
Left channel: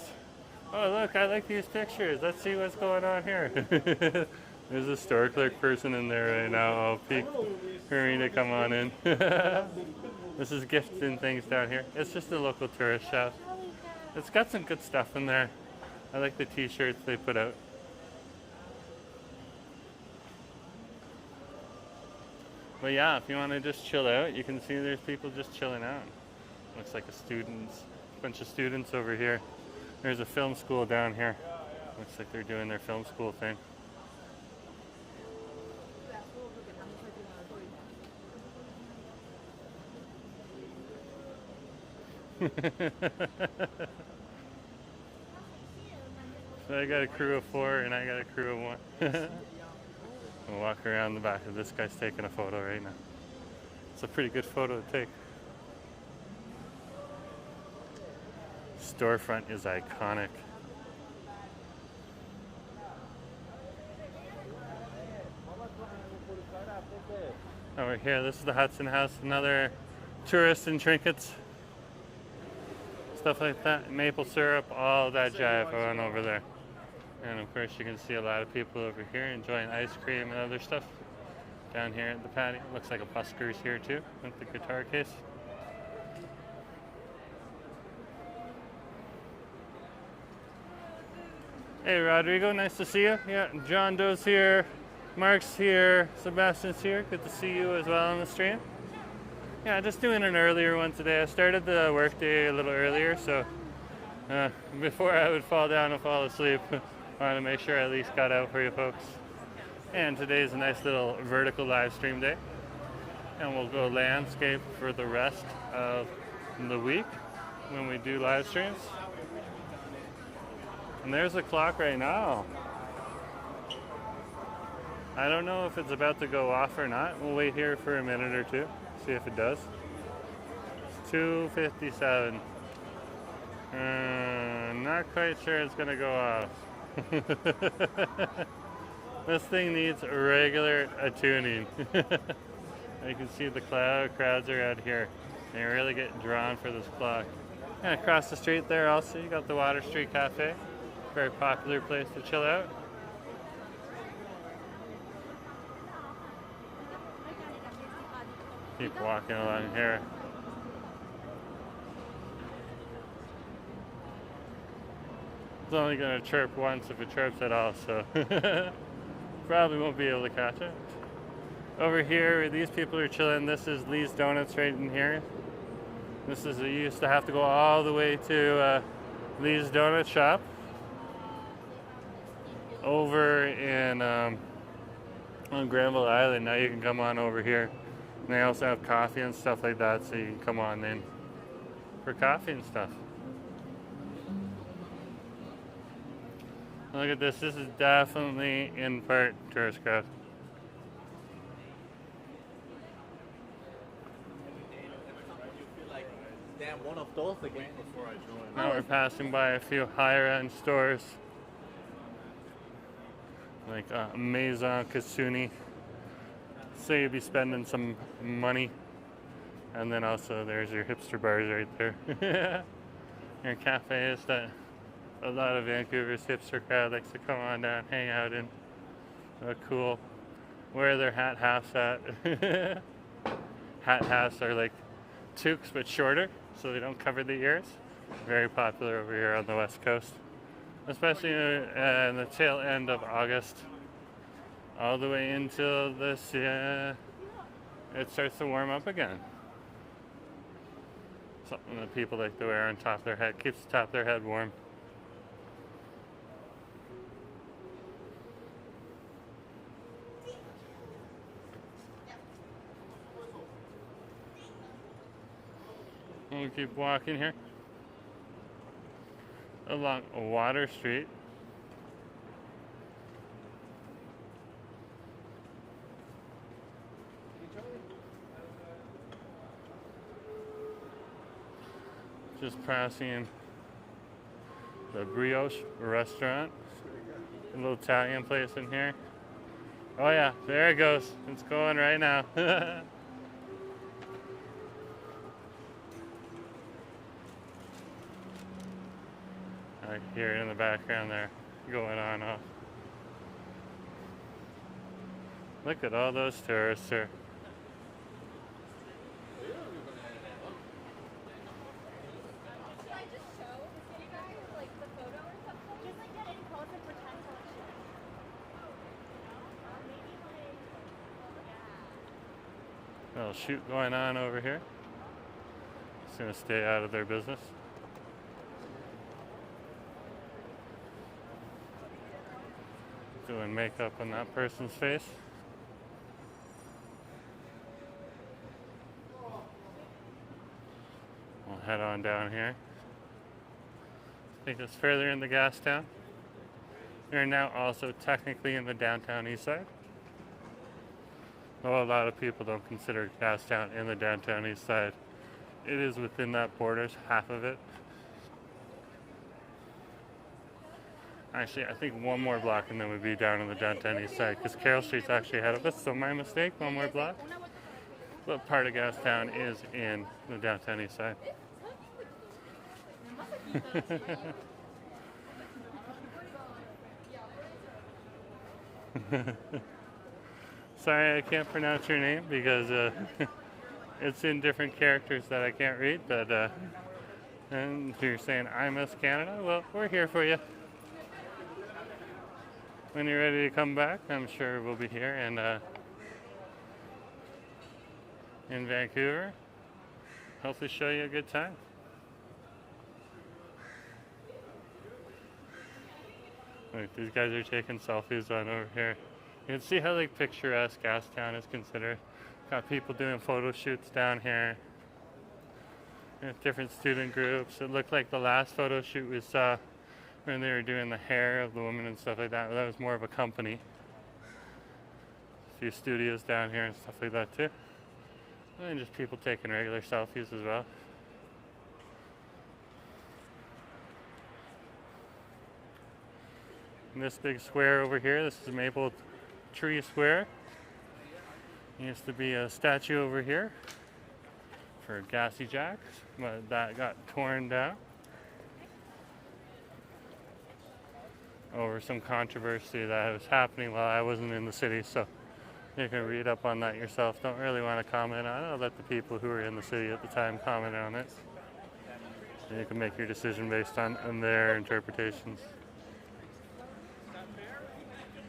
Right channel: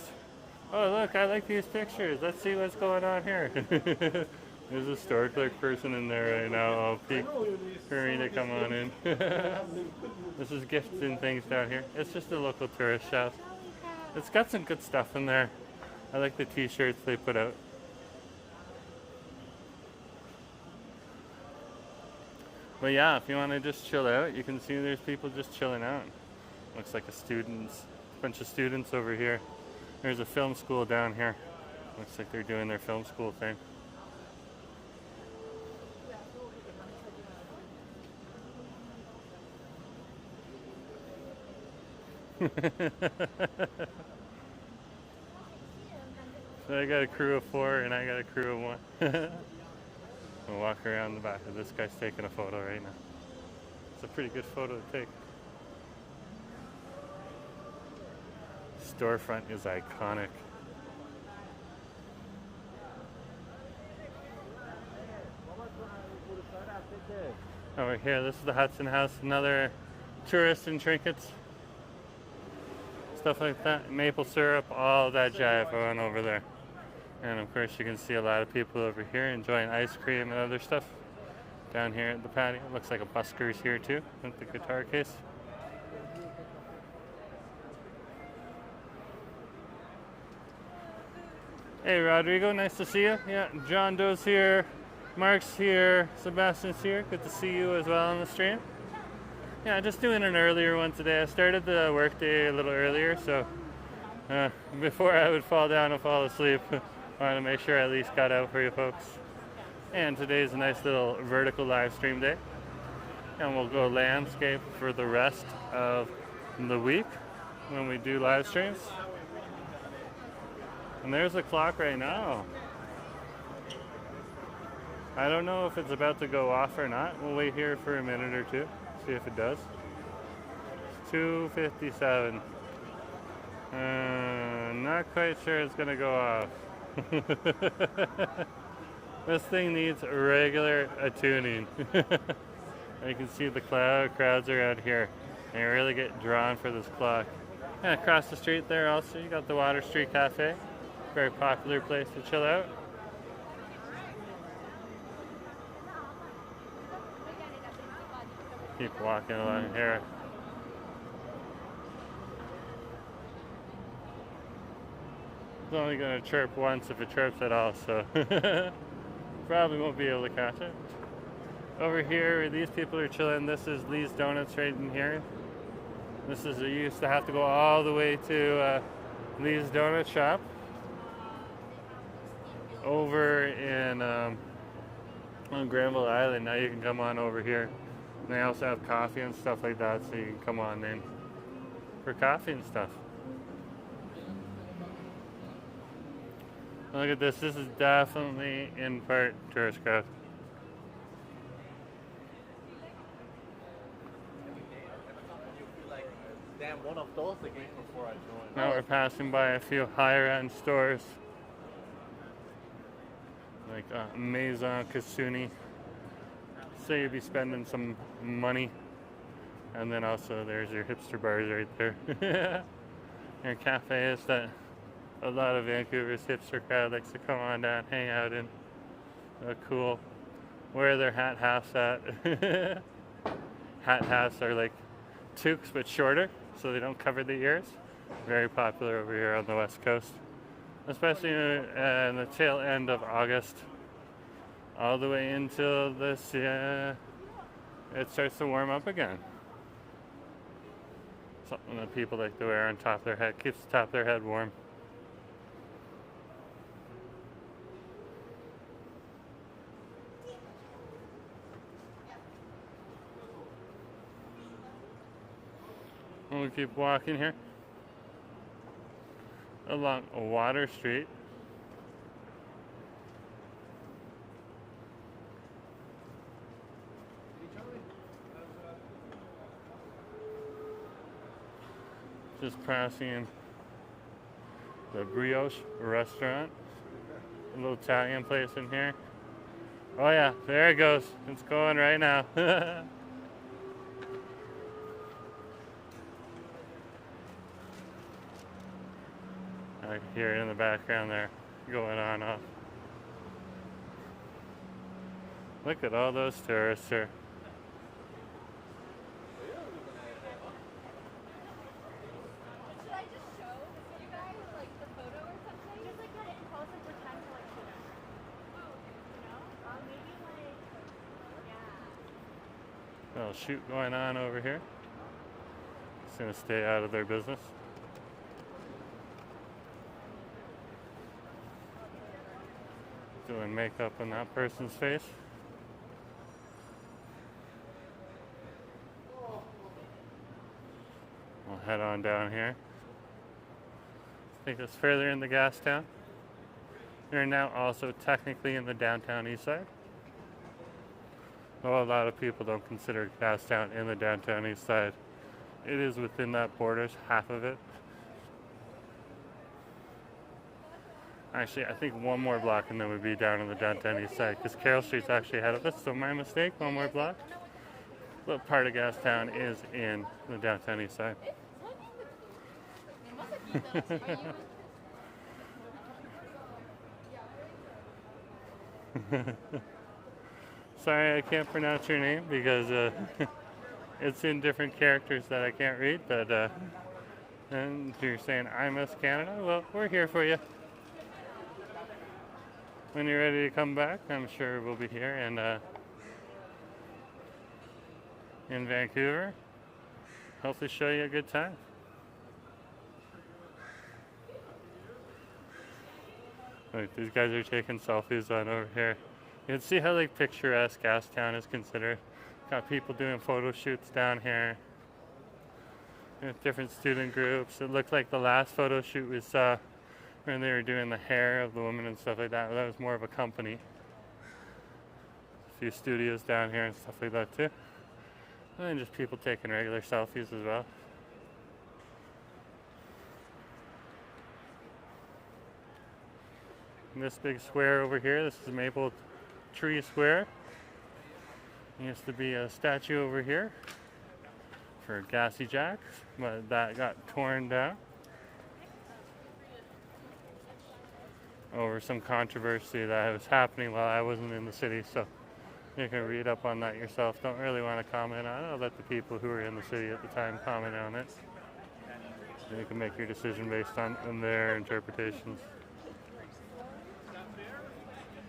Oh look, I like these pictures. Let's see what's going on here. There's a store clerk person in there right now. I'll peek for me to come on in. This is gifts and things down here. It's just a local tourist shop. It's got some good stuff in there. I like the t-shirts they put out. But yeah, if you want to just chill out, you can see there's people just chilling out. Looks like a bunch of students over here. There's a film school down here. Looks like they're doing their film school thing. So I got a crew of 4 and I got a crew of 1. We'll walk around the back of this guy's taking a photo right now. It's a pretty good photo to take. Storefront is iconic. Over here, this is the Hudson House, another tourist and trinkets. Stuff like that, maple syrup, all that jive on over there. And of course you can see a lot of people over here enjoying ice cream and other stuff. Down here at the patio, looks like a busker's here too, with the guitar case. Hey Rodrigo, nice to see you. Yeah, John Doe's here, Mark's here, Sebastian's here. Good to see you as well on the stream. Yeah, just doing an earlier one today. I started the workday a little earlier, so before I would fall down and fall asleep, I wanted to make sure I at least got out for you folks. And today's a nice little vertical live stream day. And we'll go landscape for the rest of the week when we do live streams. And there's a clock right now. I don't know if it's about to go off or not. We'll wait here for a minute or two, see if it does. It's 2:57. Not quite sure it's gonna go off. This thing needs regular attuning. You can see the crowds are out here. They really get drawn for this clock. And across the street there also, you got the Water Street Cafe. Very popular place to chill out. Keep walking along here. It's only going to chirp once if it chirps at all, so probably won't be able to catch it. Over here, where these people are chilling, this is Lee's Donuts right in here. This is, you used to have to go all the way to Lee's Donut Shop over in on Granville Island. Now you can come on over here. And they also have coffee and stuff like that, so you can come on in for coffee and stuff. Look at this. This is definitely in part tourist crowd. One of those again before I joined. Now we're passing by a few higher end stores like Maison Kasuni. So you'd be spending some money. And then also there's your hipster bars right there. Your cafes that a lot of Vancouver's hipster crowd likes to come on down, hang out in. Cool. Wear their hat halves at. Hat halves are like toques but shorter, so they don't cover the ears. Very popular over here on the West Coast, especially in the tail end of August, all the way until this. It starts to warm up again. Something that people like to wear on top of their head, keeps the top of their head warm. We'll keep walking here along Water Street. Just passing the Brioche restaurant, a little Italian place in here. Oh yeah, there it goes. It's going right now. I hear it in the background there going on off. Look at all those tourists here. Little shoot going on over here. Just gonna stay out of their business. Doing makeup on that person's face. We'll head on down here. Take us further in the gas town. We're now also technically in the downtown east side. Well, a lot of people don't consider Gastown in the downtown east side. It is within that borders, half of it. Actually, I think one more block and then we'd be down in the downtown east side because Carroll Street's actually ahead of us, so my mistake, one more block. But part of Gastown is in the downtown east side. Sorry, I can't pronounce your name because it's in different characters that I can't read, but and you're saying I miss Canada? Well, we're here for you. When you're ready to come back, I'm sure we'll be here in Vancouver. Hopefully show you a good time. Look, these guys are taking selfies on over here. You can see how like picturesque Gastown is considered. Got people doing photo shoots down here. Different student groups. It looked like the last photo shoot we saw when they were doing the hair of the woman and stuff like that. That was more of a company. A few studios down here and stuff like that too. And just people taking regular selfies as well. And this big square over here, this is Maple Tree Square. There used to be a statue over here for Gassy Jacks, but that got torn down over some controversy that was happening while I wasn't in the city, so you can read up on that yourself. Don't really want to comment on it. I'll let the people who were in the city at the time comment on it. And you can make your decision based on their interpretations.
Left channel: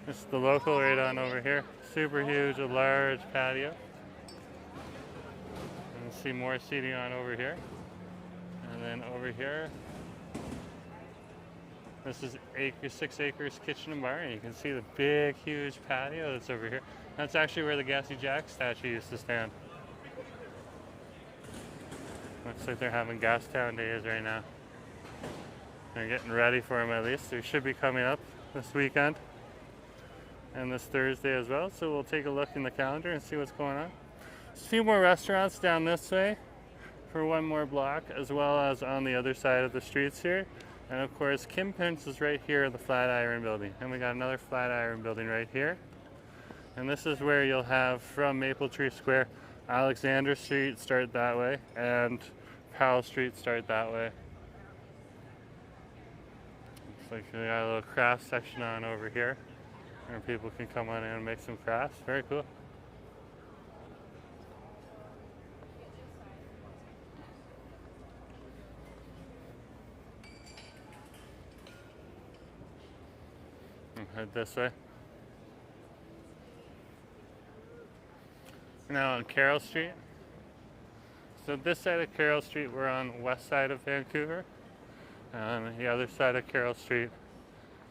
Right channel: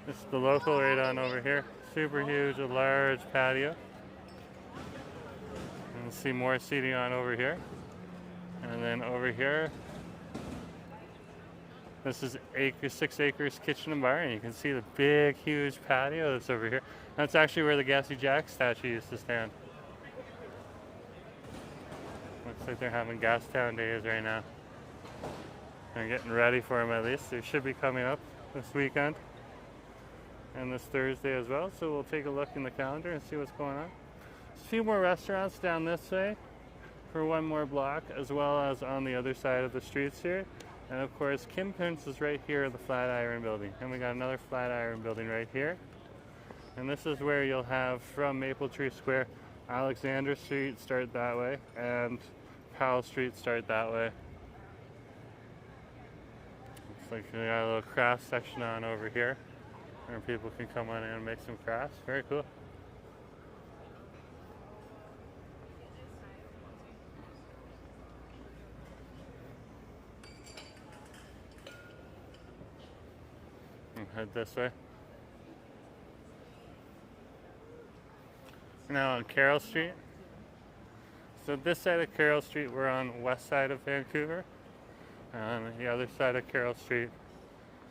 This is the local right on over here. Super huge, a large patio. And see more seating on over here. And then over here, this is 6 acres kitchen and bar, and you can see the big, huge patio that's over here. That's actually where the Gassy Jack statue used to stand. Looks like they're having Gastown days right now. They're getting ready for them at least. They should be coming up this weekend and this Thursday as well. So we'll take a look in the calendar and see what's going on. A few more restaurants down this way for one more block, as well as on the other side of the streets here. And of course, Kim Pinch is right here in the Flatiron building. And we got another Flatiron building right here. And this is where you'll have from Maple Tree Square, Alexander Street start that way, and Powell Street start that way. Looks like we got a little craft section on over here, where people can come on in and make some crafts. Very cool. And head this way. We're now on Carroll Street. So this side of Carroll Street, we're on west side of Vancouver. And on the other side of Carroll Street,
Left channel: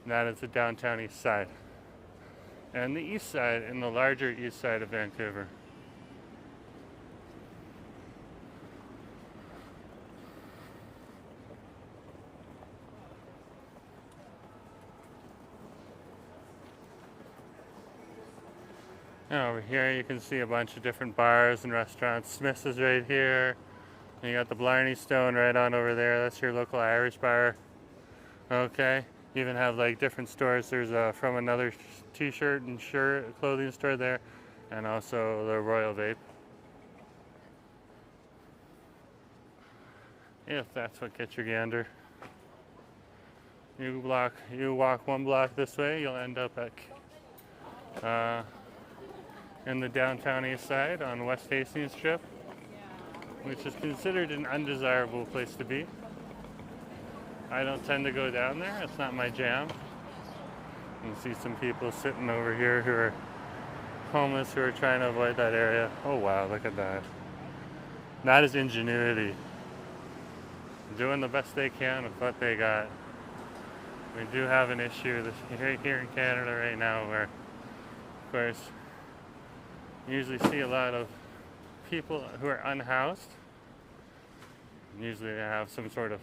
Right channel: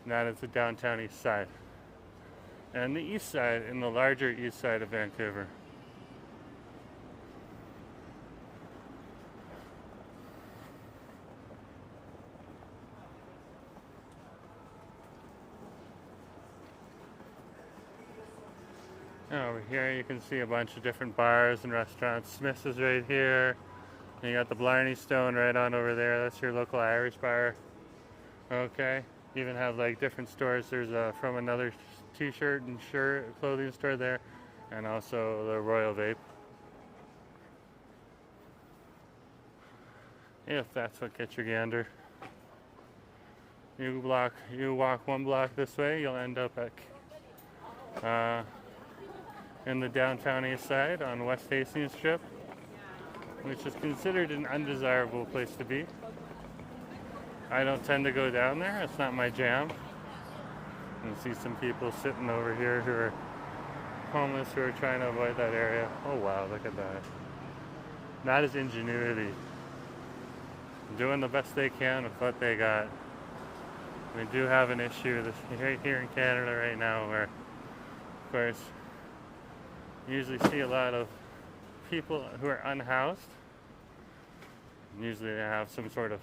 that is the downtown east side. And the east side, in the larger east side of Vancouver. And over here you can see a bunch of different bars and restaurants. Smith's is right here. And you got the Blarney Stone right on over there. That's your local Irish bar. Okay. You even have like different stores. There's From Another t-shirt and shirt clothing store there, and also the Royal Vape, if that's what gets your gander. You walk one block this way, you'll end up at in the downtown east side on West Hastings Strip, which is considered an undesirable place to be. I don't tend to go down there, it's not my jam. You can see some people sitting over here who are homeless who are trying to avoid that area. Oh wow, look at that. That is ingenuity. Doing the best they can with what they got. We do have an issue here in Canada right now where, of course, you usually see a lot of people who are unhoused. Usually they have some sort of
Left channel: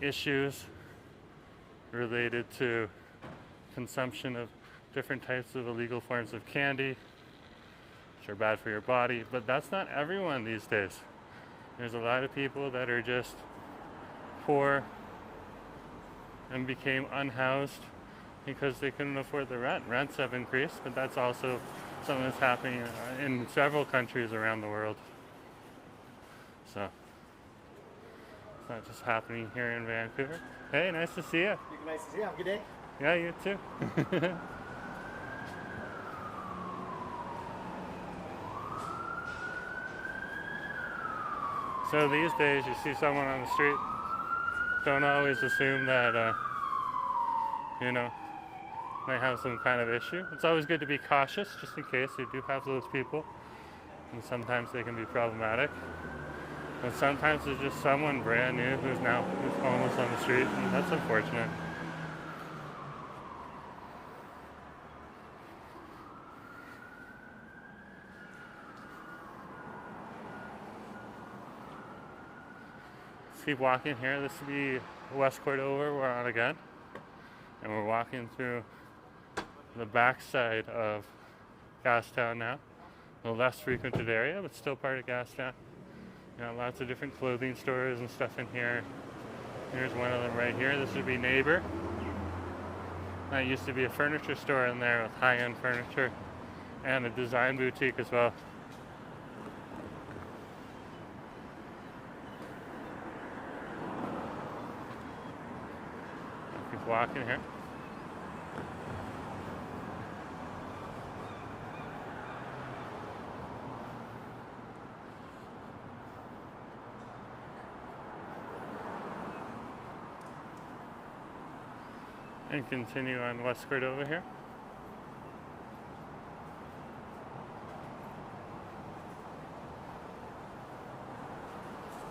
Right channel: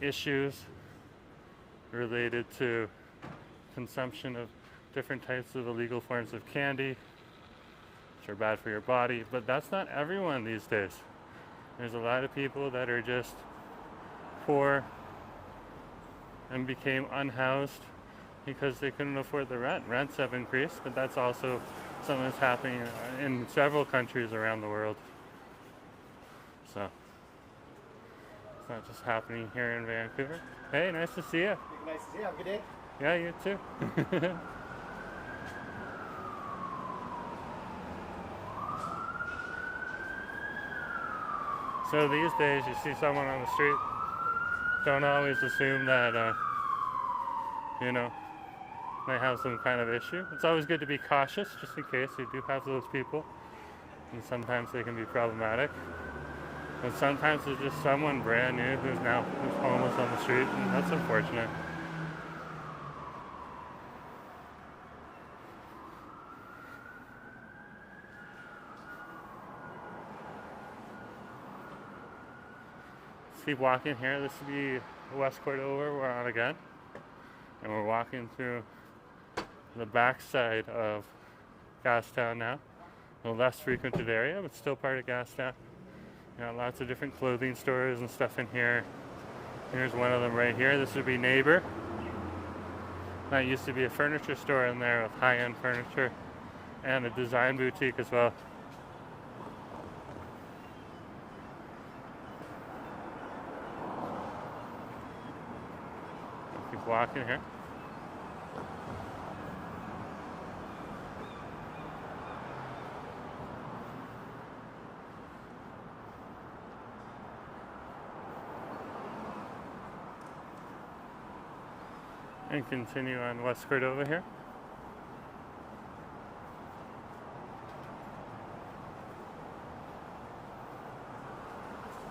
issues related to consumption of different types of illegal forms of candy, which are bad for your body, but that's not everyone these days. There's a lot of people that are just poor and became unhoused because they couldn't afford the rent. Rents have increased, but that's also something that's happening in several countries around the world. So it's not just happening here in Vancouver. Hey, nice to see you. Nice to see you. Have a good day. Yeah, you too. So these days, you see someone on the street, don't always assume that, you know, they have some kind of issue. It's always good to be cautious, just in case you do have those people. And sometimes they can be problematic. But sometimes there's just someone brand new who's homeless on the street, and that's unfortunate. Keep walking here. This will be West Cordova we're on again, and we're walking through the backside of Gastown now, a less frequented area but still part of Gastown. You know, lots of different clothing stores and stuff in here. Here's one of them right here. This would be Neighbor. That used to be a furniture store in there with high-end furniture and a design boutique as well. Keep walking here. And continue on West Cordova here.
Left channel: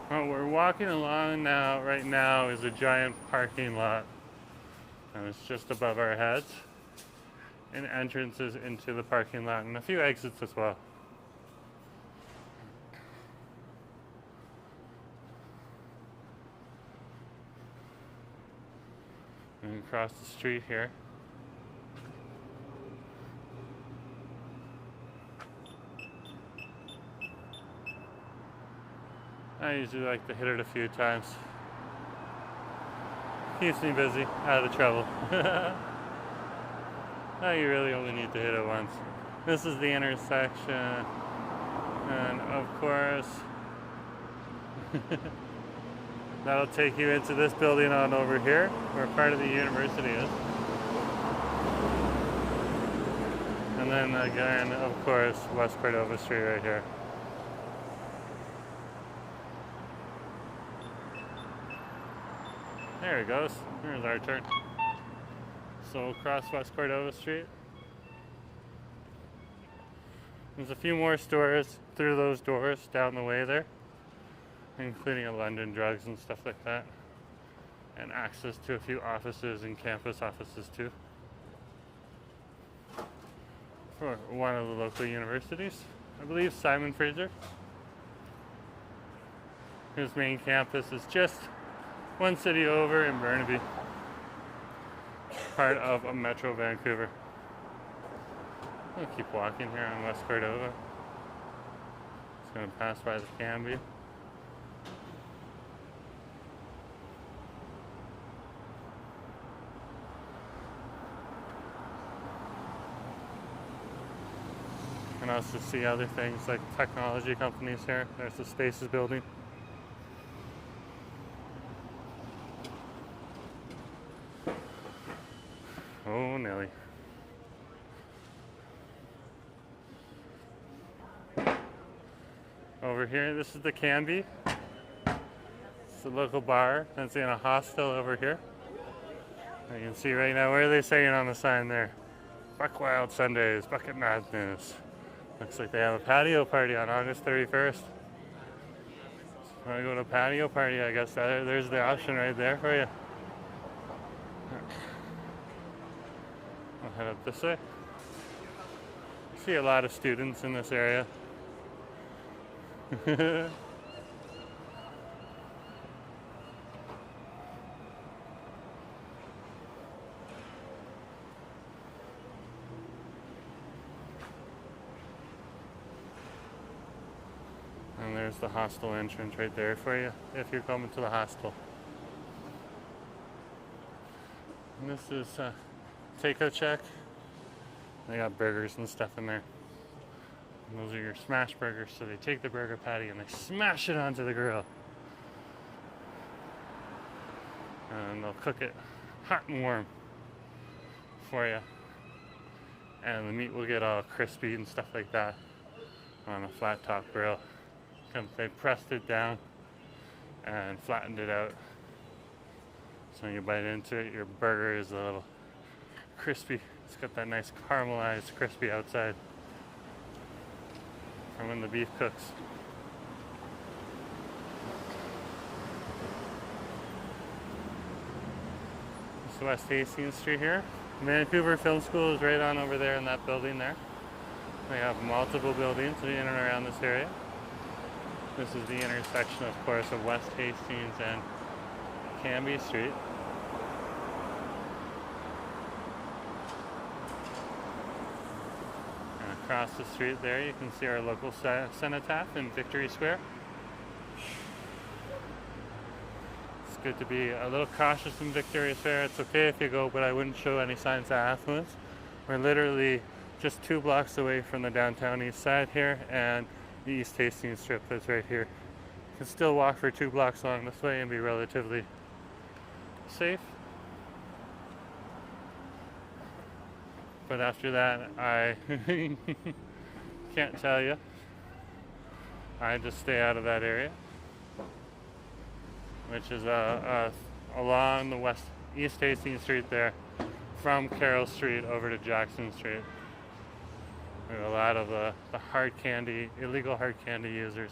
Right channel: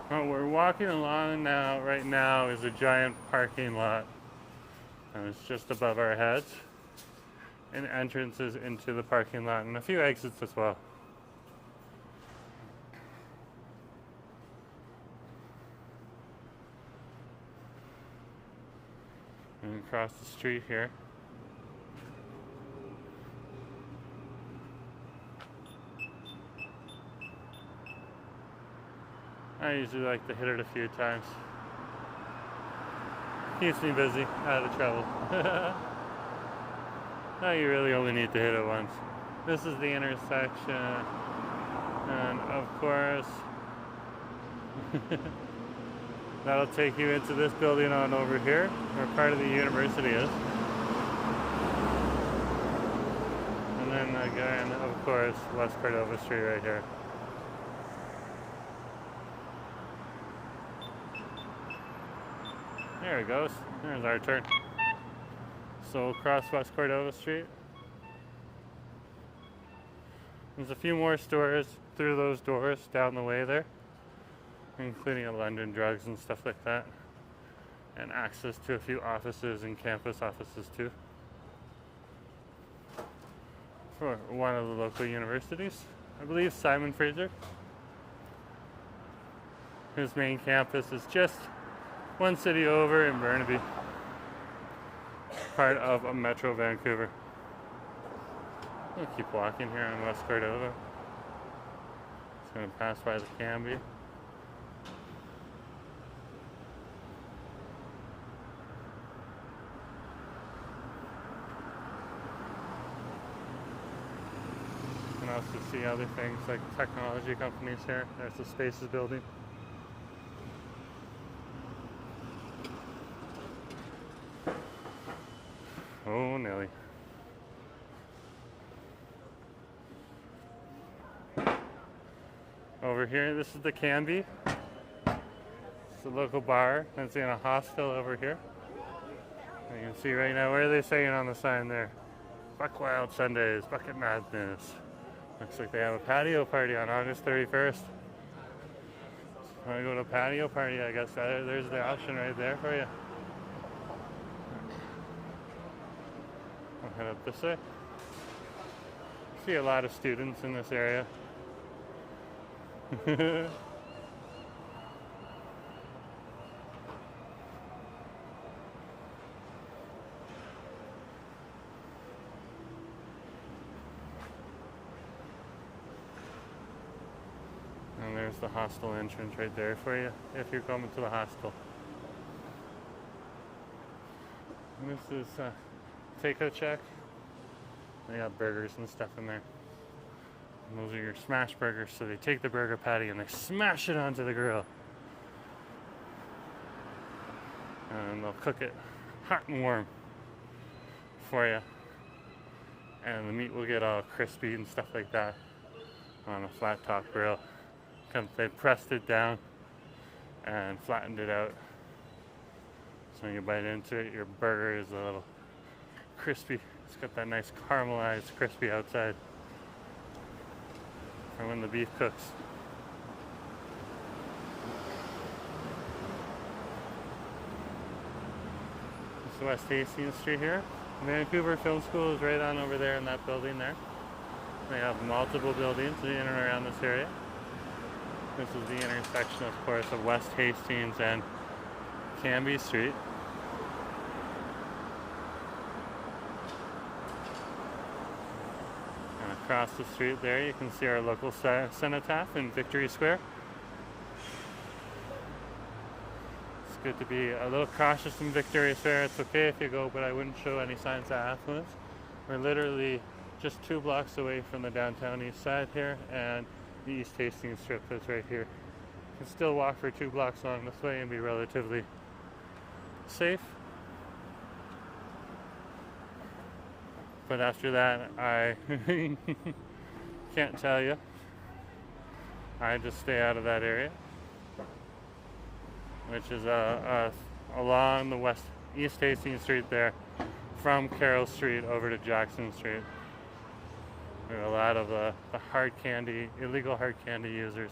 What we're walking along now, right now, is a giant parking lot. And it's just above our heads. And entrances into the parking lot and a few exits as well. And across the street here. I usually like to hit it a few times. Keeps me busy, out of trouble. No, you really only need to hit it once. This is the intersection. And of course, that'll take you into this building on over here, where part of the university is. And then again, of course, West Cordova Street right here. There it goes. There's our turn. So across West Cordova Street. There's a few more stores through those doors down the way there, including a London Drugs and stuff like that. And access to a few offices and campus offices too. For one of the local universities. I believe Simon Fraser. His main campus is just one city over in Burnaby, part of a Metro Vancouver. I'll keep walking here on West Cordova. Just going to pass by the Cambie. And also see other things like technology companies here. There's the Spaces building. over here. This is the Canby. It's a local bar that's in a hostel over here. And you can see right now, what are they saying on the sign there? Buck Wild Sundays, Bucket Madness. Looks like they have a patio party on August 31st. Want to go to a patio party, I guess there's the option right there for you. I'll head up this way. See a lot of students in this area. And there's the hostel entrance right there for you if you're coming to the hostel. And this is takeout check. They got burgers and stuff in there. And those are your smash burgers, so they take the burger patty and they smash it onto the grill. And they'll cook it hot and warm for you. And the meat will get all crispy and stuff like that on a flat top grill. Because they pressed it down and flattened it out. So when you bite into it, your burger is a little crispy. It's got that nice caramelized, crispy outside from when the beef cooks. This is West Hastings Street here. The Vancouver Film School is right on over there in that building there. They have multiple buildings in and around this area. This is the intersection, of course, of West Hastings and Canby Street. And across the street there, you can see our local cenotaph in Victory Square. It's good to be a little cautious in Victory Square. It's okay if you go, but I wouldn't show any signs of affluence. We're literally just 2 blocks away from the downtown east side here, and the East Hastings strip that's right here. You can still walk for 2 blocks along this way and be relatively safe. But after that, I can't tell you. I just stay out of that area, which is along the East Hastings Street there, from Carroll Street over to Jackson Street. There are a lot of the hard candy, illegal hard candy users.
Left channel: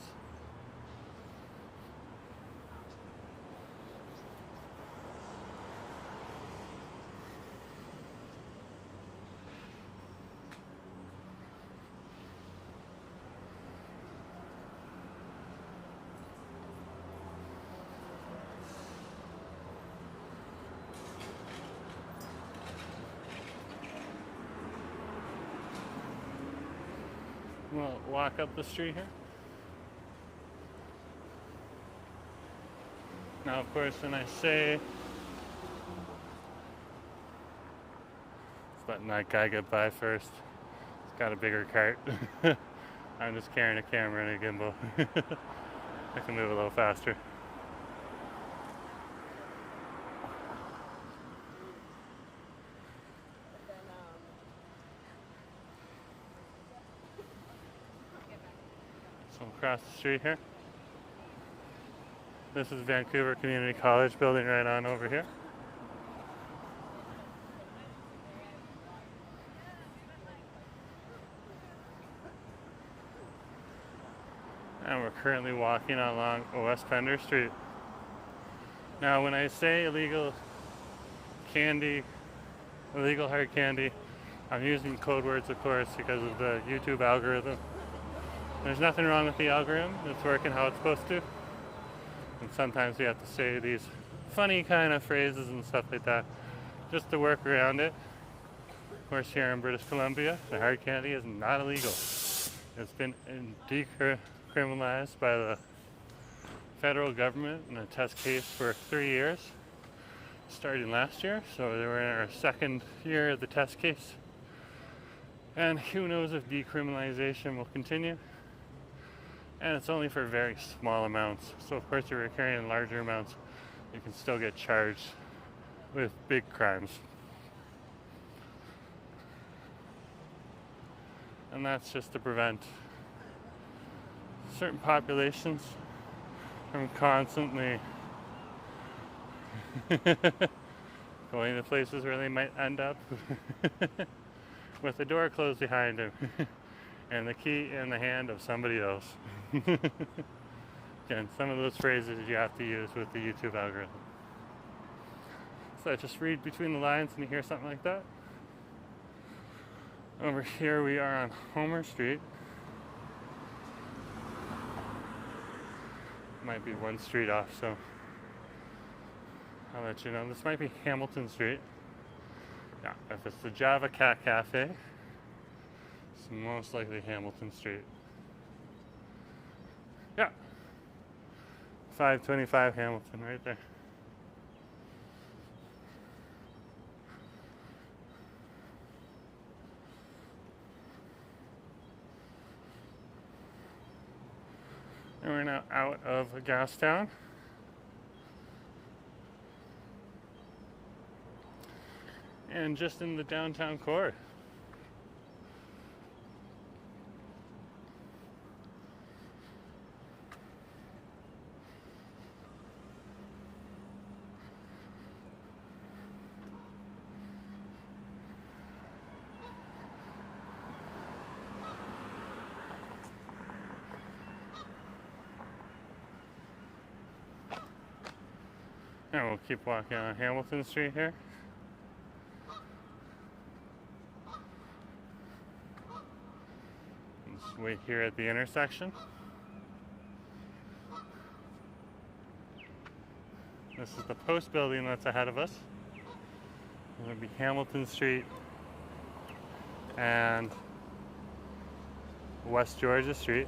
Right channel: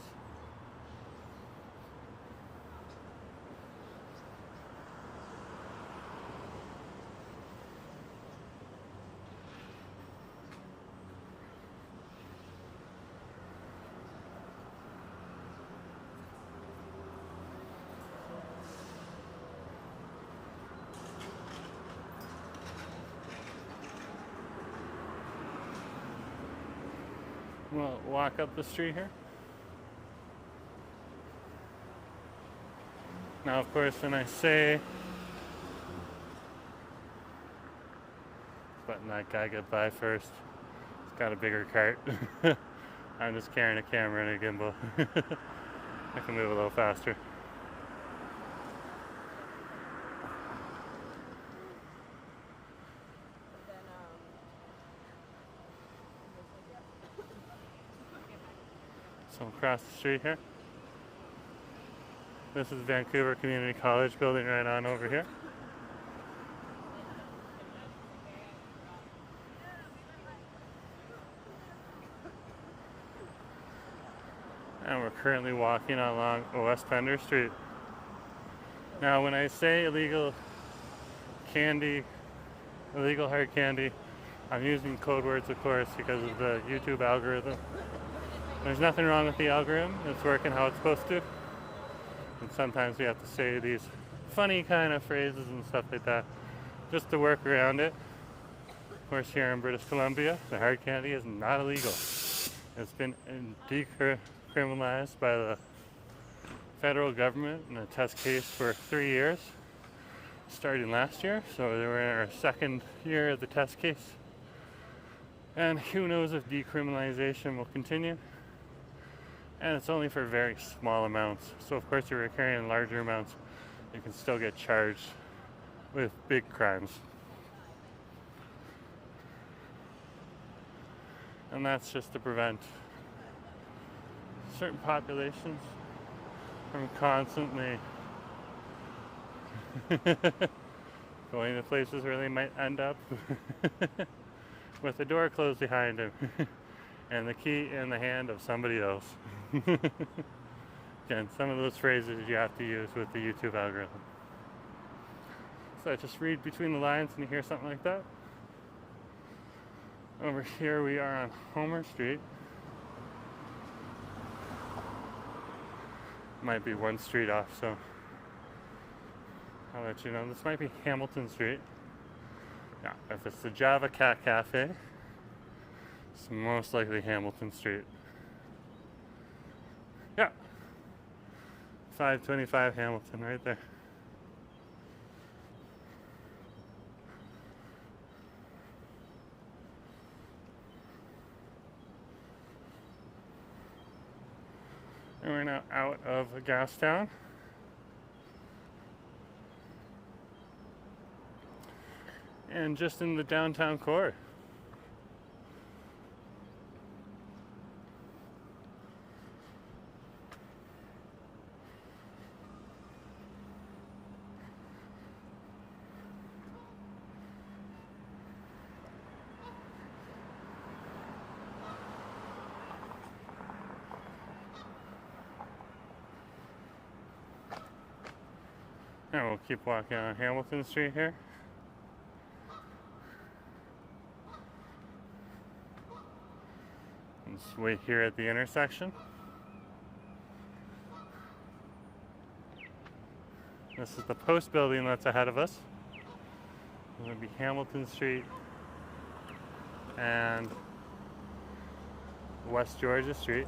We'll walk up the street here. Now, of course, when I say, just letting that guy get by first. He's got a bigger cart. I'm just carrying a camera and a gimbal. I can move a little faster. So across the street here. This is Vancouver Community College building right on over here. And we're currently walking along West Pender Street. Now when I say illegal candy, illegal hard candy, I'm using code words, of course, because of the YouTube algorithm. There's nothing wrong with the algorithm. It's working how it's supposed to. And sometimes we have to say these funny kind of phrases and stuff like that just to work around it. Of course, here in British Columbia, the hard candy is not illegal. It's been decriminalized by the federal government in a test case for 3 years, starting last year. So we're in our 2nd year of the test case. And who knows if decriminalization will continue. And it's only for very small amounts. So of course if you're carrying larger amounts, you can still get charged with big crimes. And that's just to prevent certain populations from constantly going to places where they might end up with the door closed behind him and the key in the hand of somebody else. Again, some of those phrases you have to use with the YouTube algorithm. So I just read between the lines and you hear something like that. Over here we are on Homer Street. Might be one street off, so I'll let you know. This might be Hamilton Street. Yeah, if it's the Java Cat Cafe, it's most likely Hamilton Street. Yeah, 525 Hamilton right there. And we're now out of Gastown. And just in the downtown core. And we'll keep walking on Hamilton Street here. Just wait here at the intersection. This is the post building that's ahead of us. It's going to be Hamilton Street and West Georgia Street.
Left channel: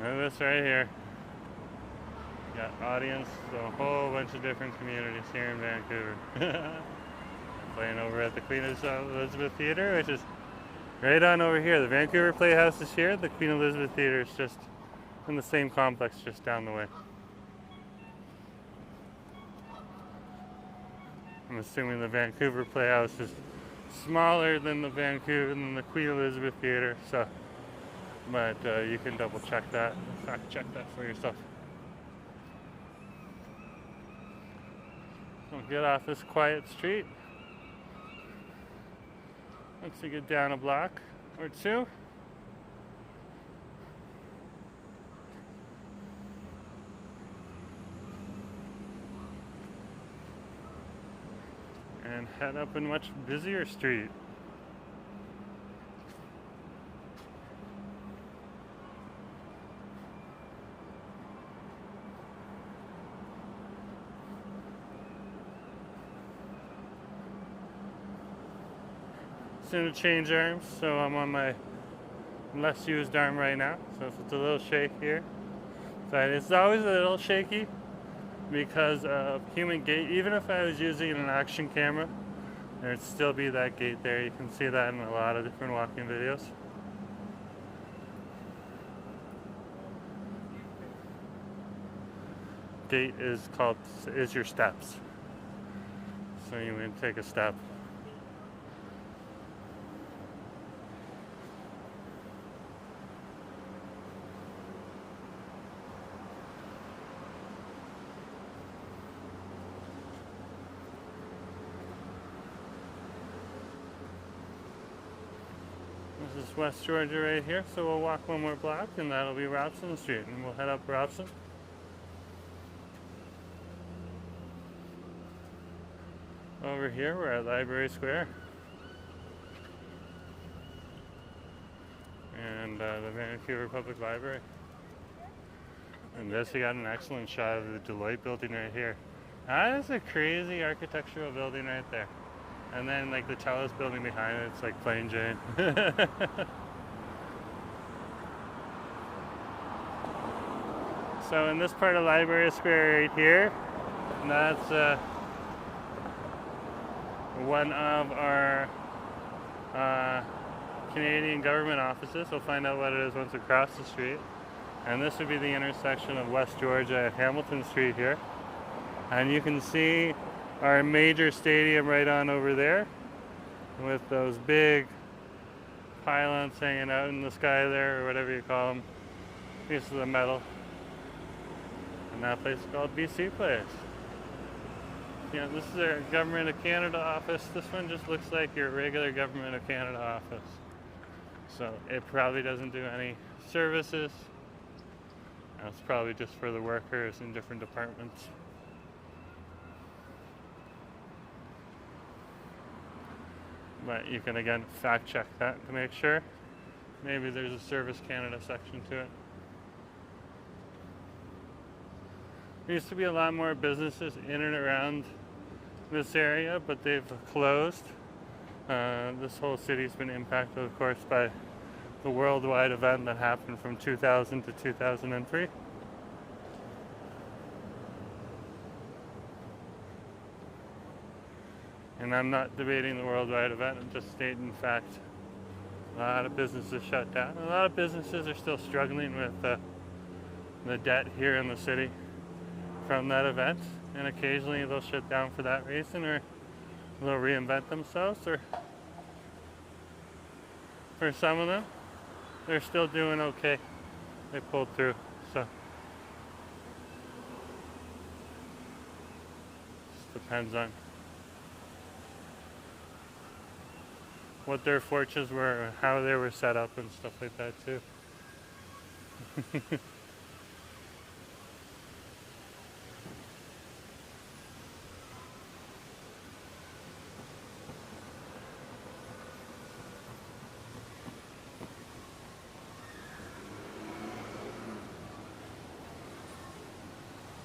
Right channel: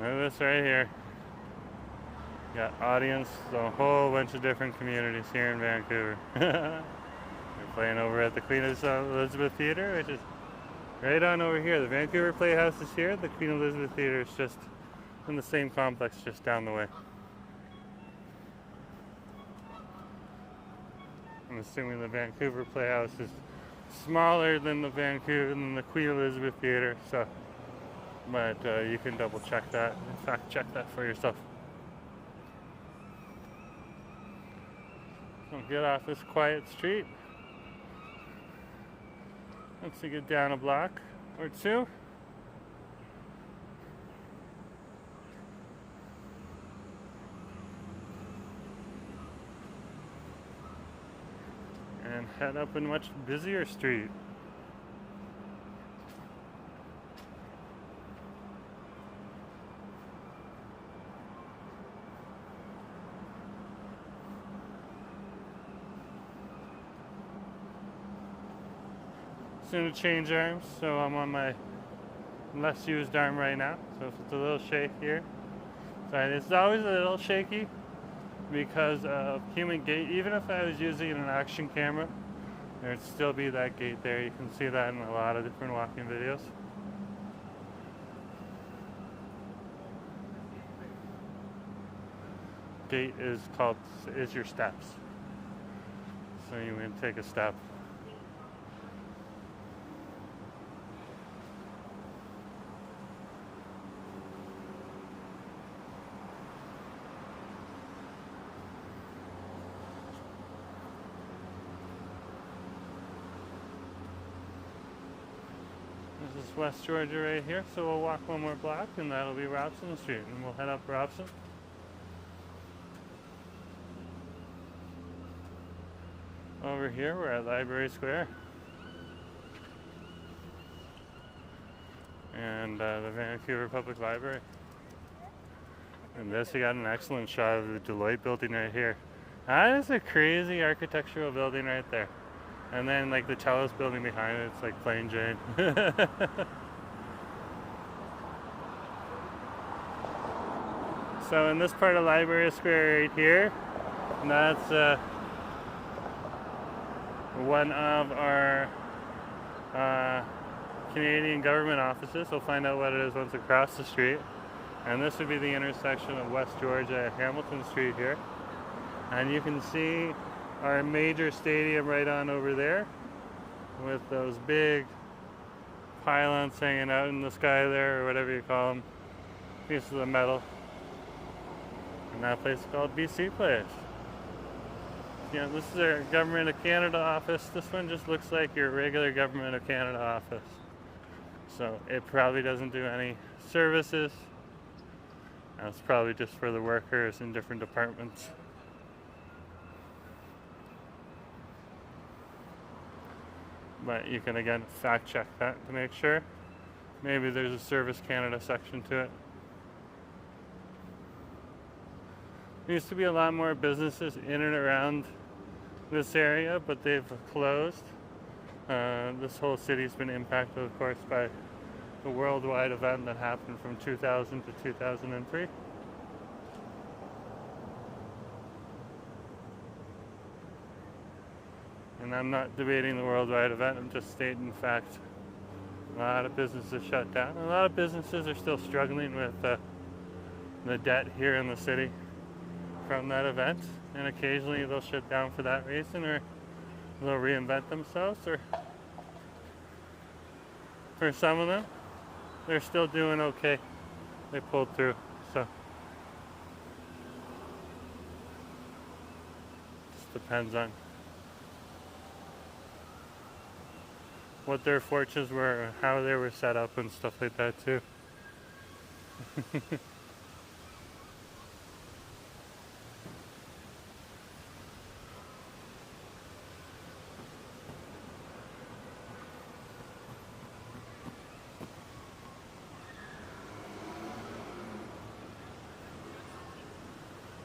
Look at this right here. Got audience, a whole bunch of different communities here in Vancouver. They're playing over at the Queen Elizabeth Theatre, which is right on over here. The Vancouver Playhouse is here. The Queen Elizabeth Theatre is just in the same complex just down the way. I'm assuming the Vancouver Playhouse is smaller than the Queen Elizabeth Theatre, so. But you can double check that, fact check that for yourself. So get off this quiet street. Once you get down a block or two, and head up a much busier street. Soon to change arms, so I'm on my less used arm right now. So if it's a little shake here, so it's always a little shaky because of human gait. Even if I was using an action camera, there'd still be that gait there. You can see that in a lot of different walking videos. Gait is your steps. So you can take a step. This is West Georgia right here, so we'll walk one more block and that'll be Robson Street, and we'll head up Robson. Over here we're at Library Square and the Vancouver Public Library. And this, we got an excellent shot of the Deloitte building right here. That is a crazy architectural building right there. And then like the Chalice building behind it, it's like plain Jane. So in this part of Library Square right here, that's one of our Canadian government offices. We'll find out what it is once across the street. And this would be the intersection of West Georgia and Hamilton Street here. And you can see our major stadium right on over there with those big pylons hanging out in the sky there, or whatever you call them, pieces of metal. And that place is called BC Place. Yeah, this is our Government of Canada office. This one just looks like your regular Government of Canada office. So it probably doesn't do any services. That's probably just for the workers in different departments. But you can again fact check that to make sure. Maybe there's a Service Canada section to it. There used to be a lot more businesses in and around this area, but they've closed. This whole city's been impacted, of course, by the worldwide event that happened from 2000 to 2003. And I'm not debating the worldwide event, I'm just stating fact. A lot of businesses shut down. A lot of businesses are still struggling with the debt here in the city from that event. And occasionally they'll shut down for that reason, or they'll reinvent themselves, or for some of them, they're still doing okay. They pulled through, so. Just depends on what their fortunes were, and how they were set up and stuff like that too.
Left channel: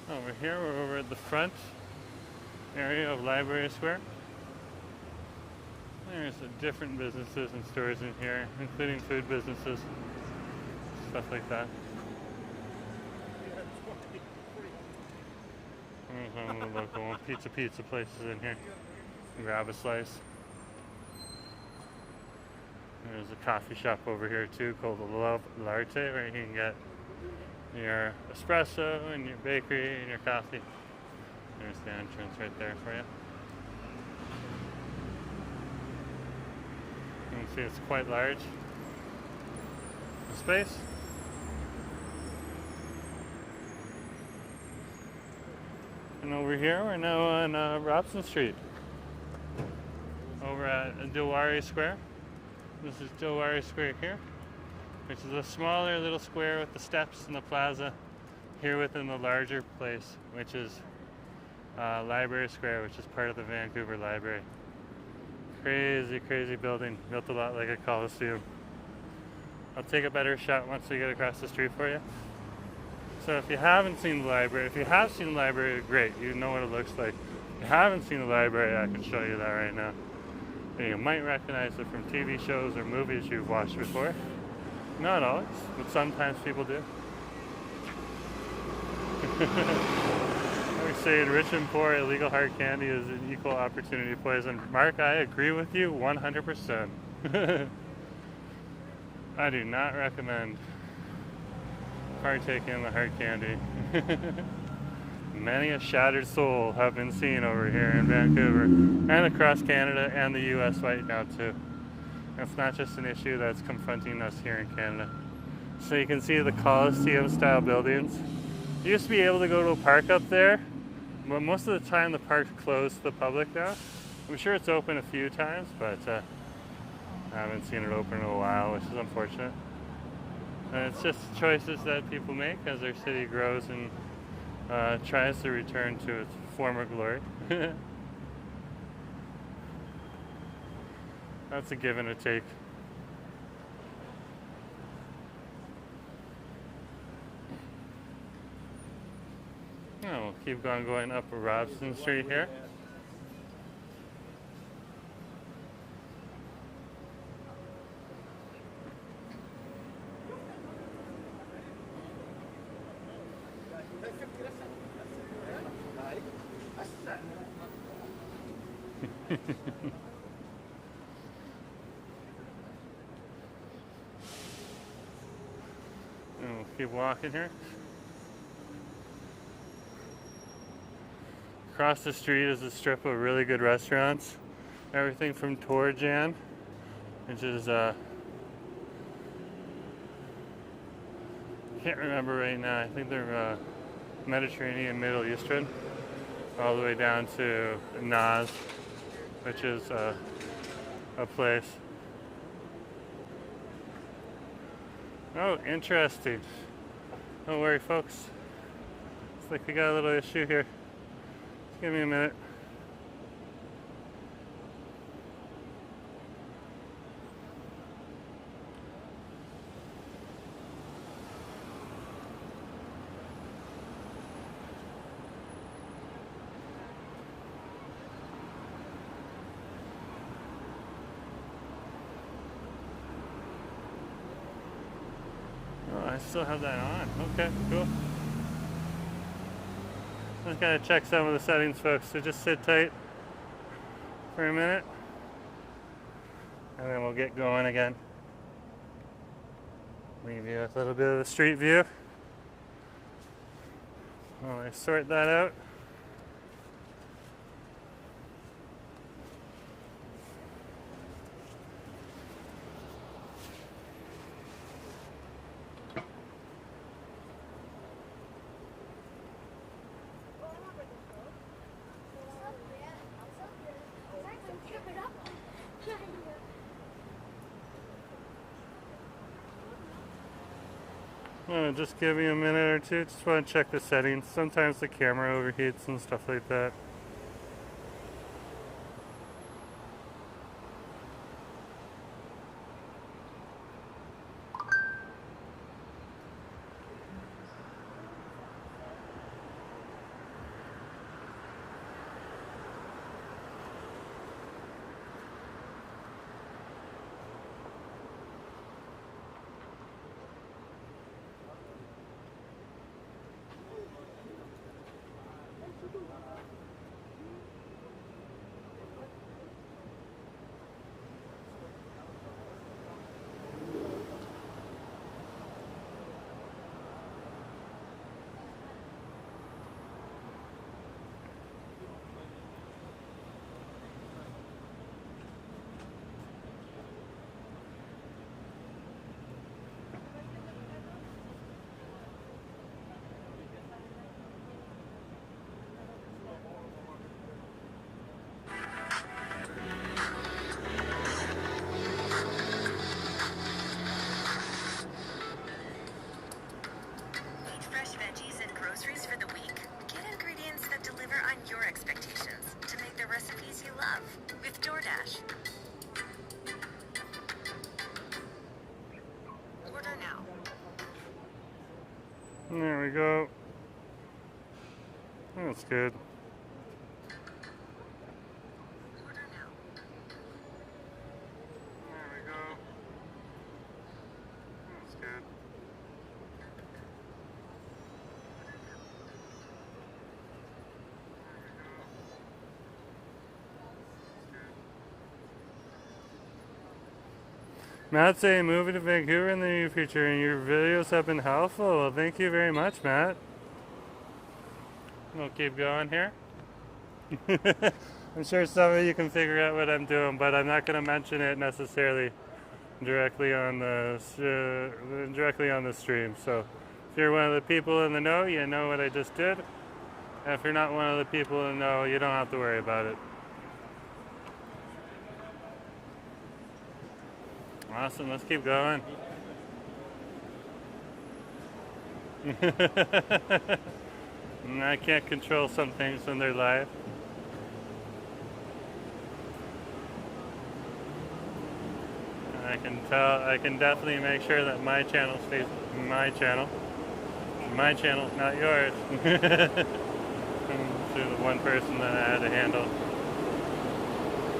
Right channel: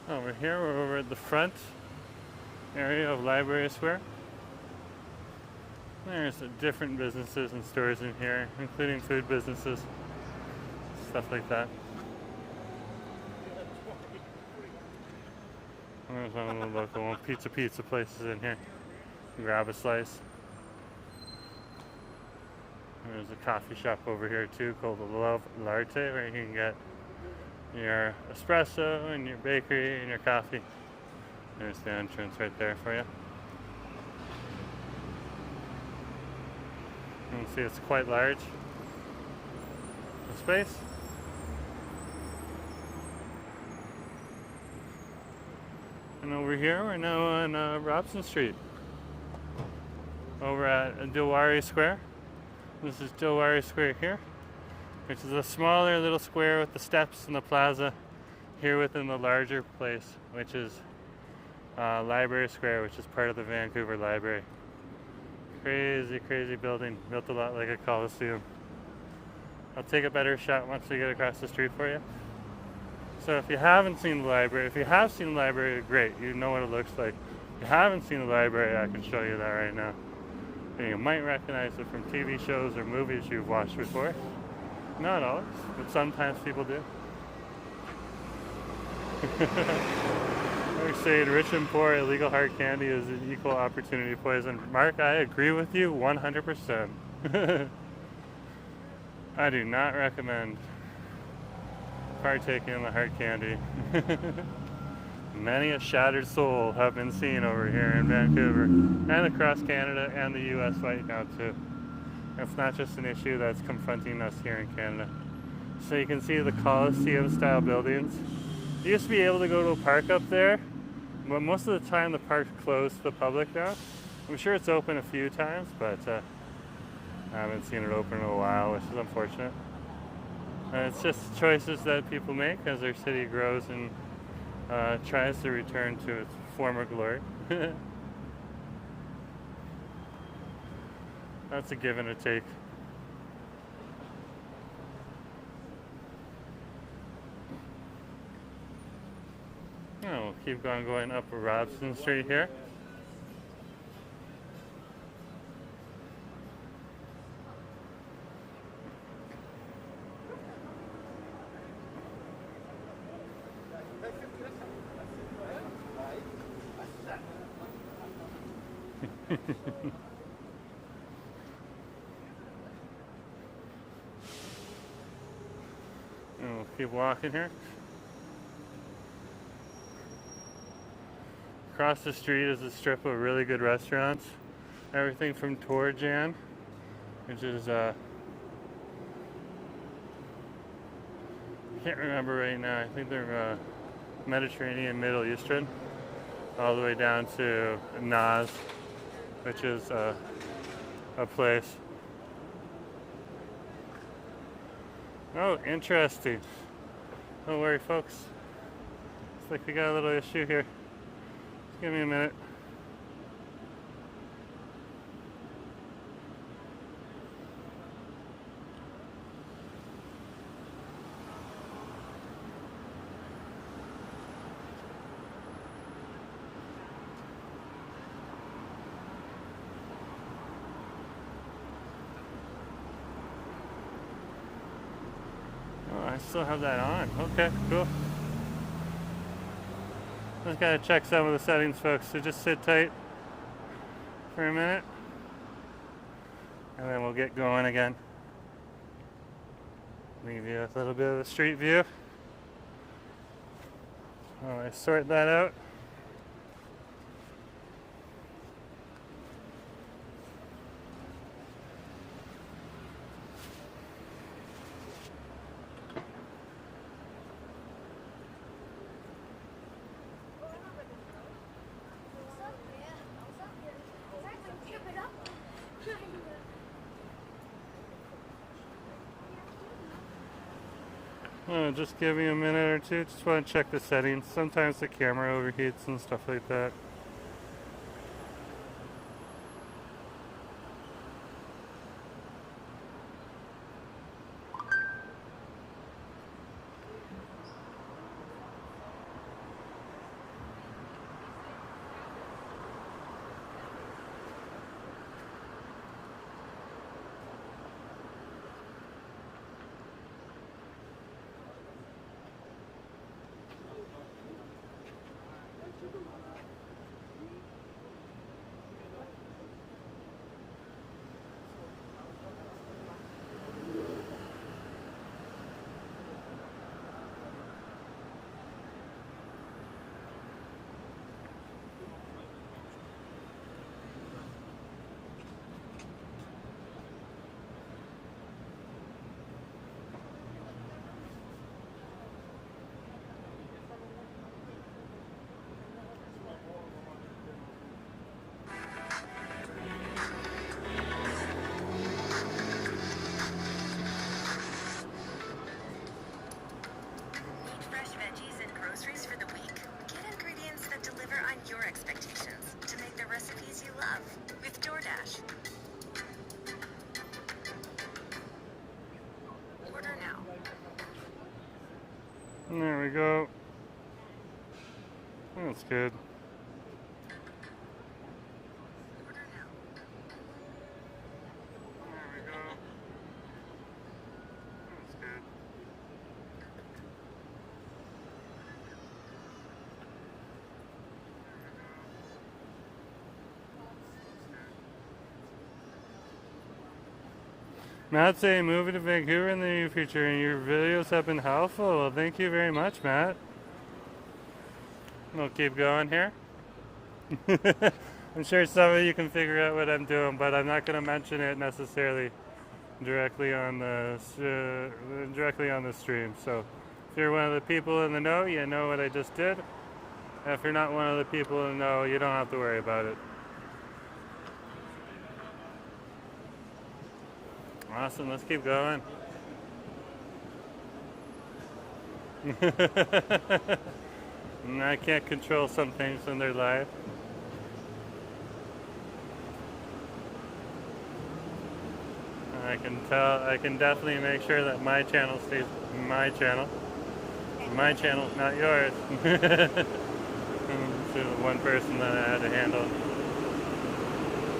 Over here, we're over at the front area of Library Square. There's different businesses and stores in here, including food businesses, stuff like that. There's one little local pizza places in here. Grab a slice. There's a coffee shop over here too called the Love Latte, where you can get your espresso and your bakery and your coffee. There's the entrance right there for you. You can see it's quite large. The space. And over here, we're now on Robson Street. Over at Dilawri Square. This is Dilawri Square here, which is a smaller little square with the steps and the plaza here within the larger place, which is Library Square, which is part of the Vancouver Library. Crazy building, built a lot like a coliseum. I'll take a better shot once we get across the street for you. So if you haven't seen the library, if you have seen the library, great, you know what it looks like. If you haven't seen the library, I can show you that right now. And you might recognize it from TV shows or movies you've watched before. Not always, but sometimes people do. I would say in rich and poor, illegal hard candy is an equal opportunity poison. Mark, I agree with you 100%. I do not recommend partaking in the hard candy. Many a shattered soul have been seen over here in Vancouver and across Canada and the US right now too. It's not just an issue that's confronting us here in Canada. So you can see the Coliseum style buildings. You used to be able to go to a park up there, but most of the time the park's closed to the public now. I'm sure it's open a few times, but I haven't seen it open in a while, which is unfortunate. It's just choices that people make as their city grows and tries to return to its former glory. That's a give and a take. Oh, we'll keep going up Robson Street here. And we'll keep walking here. Across the street is a strip of really good restaurants. Everything from Torjan, which is can't remember right now. I think they're Mediterranean, Middle Eastern, all the way down to Naz, which is a place. Oh, interesting. Don't worry, folks. Looks like we got a little issue here. Just give me a minute. I still have that on. Okay, cool. Just gotta check some of the settings, folks, so just sit tight for a minute and then we'll get going again. Leave you with a little bit of the street view while I sort that out. Just give me a minute or two. Just want to check the settings. Sometimes the camera overheats and stuff like that. There we go. That's good. There we go. That's good. Matt saying moving to Vancouver in the near future and your videos have been helpful. Well, thank you very much, Matt. We'll keep going here. I'm sure some of you can figure out what I'm doing, but I'm not going to mention it necessarily directly on the stream. So if you're one of the people in the know, you know what I just did. And if you're not one of the people in the know, you don't have to worry about it. Awesome, let's keep going. I can't control some things when they're live. I can definitely make sure that my channel stays my channel. My channel, not yours. To the one person that I had to handle.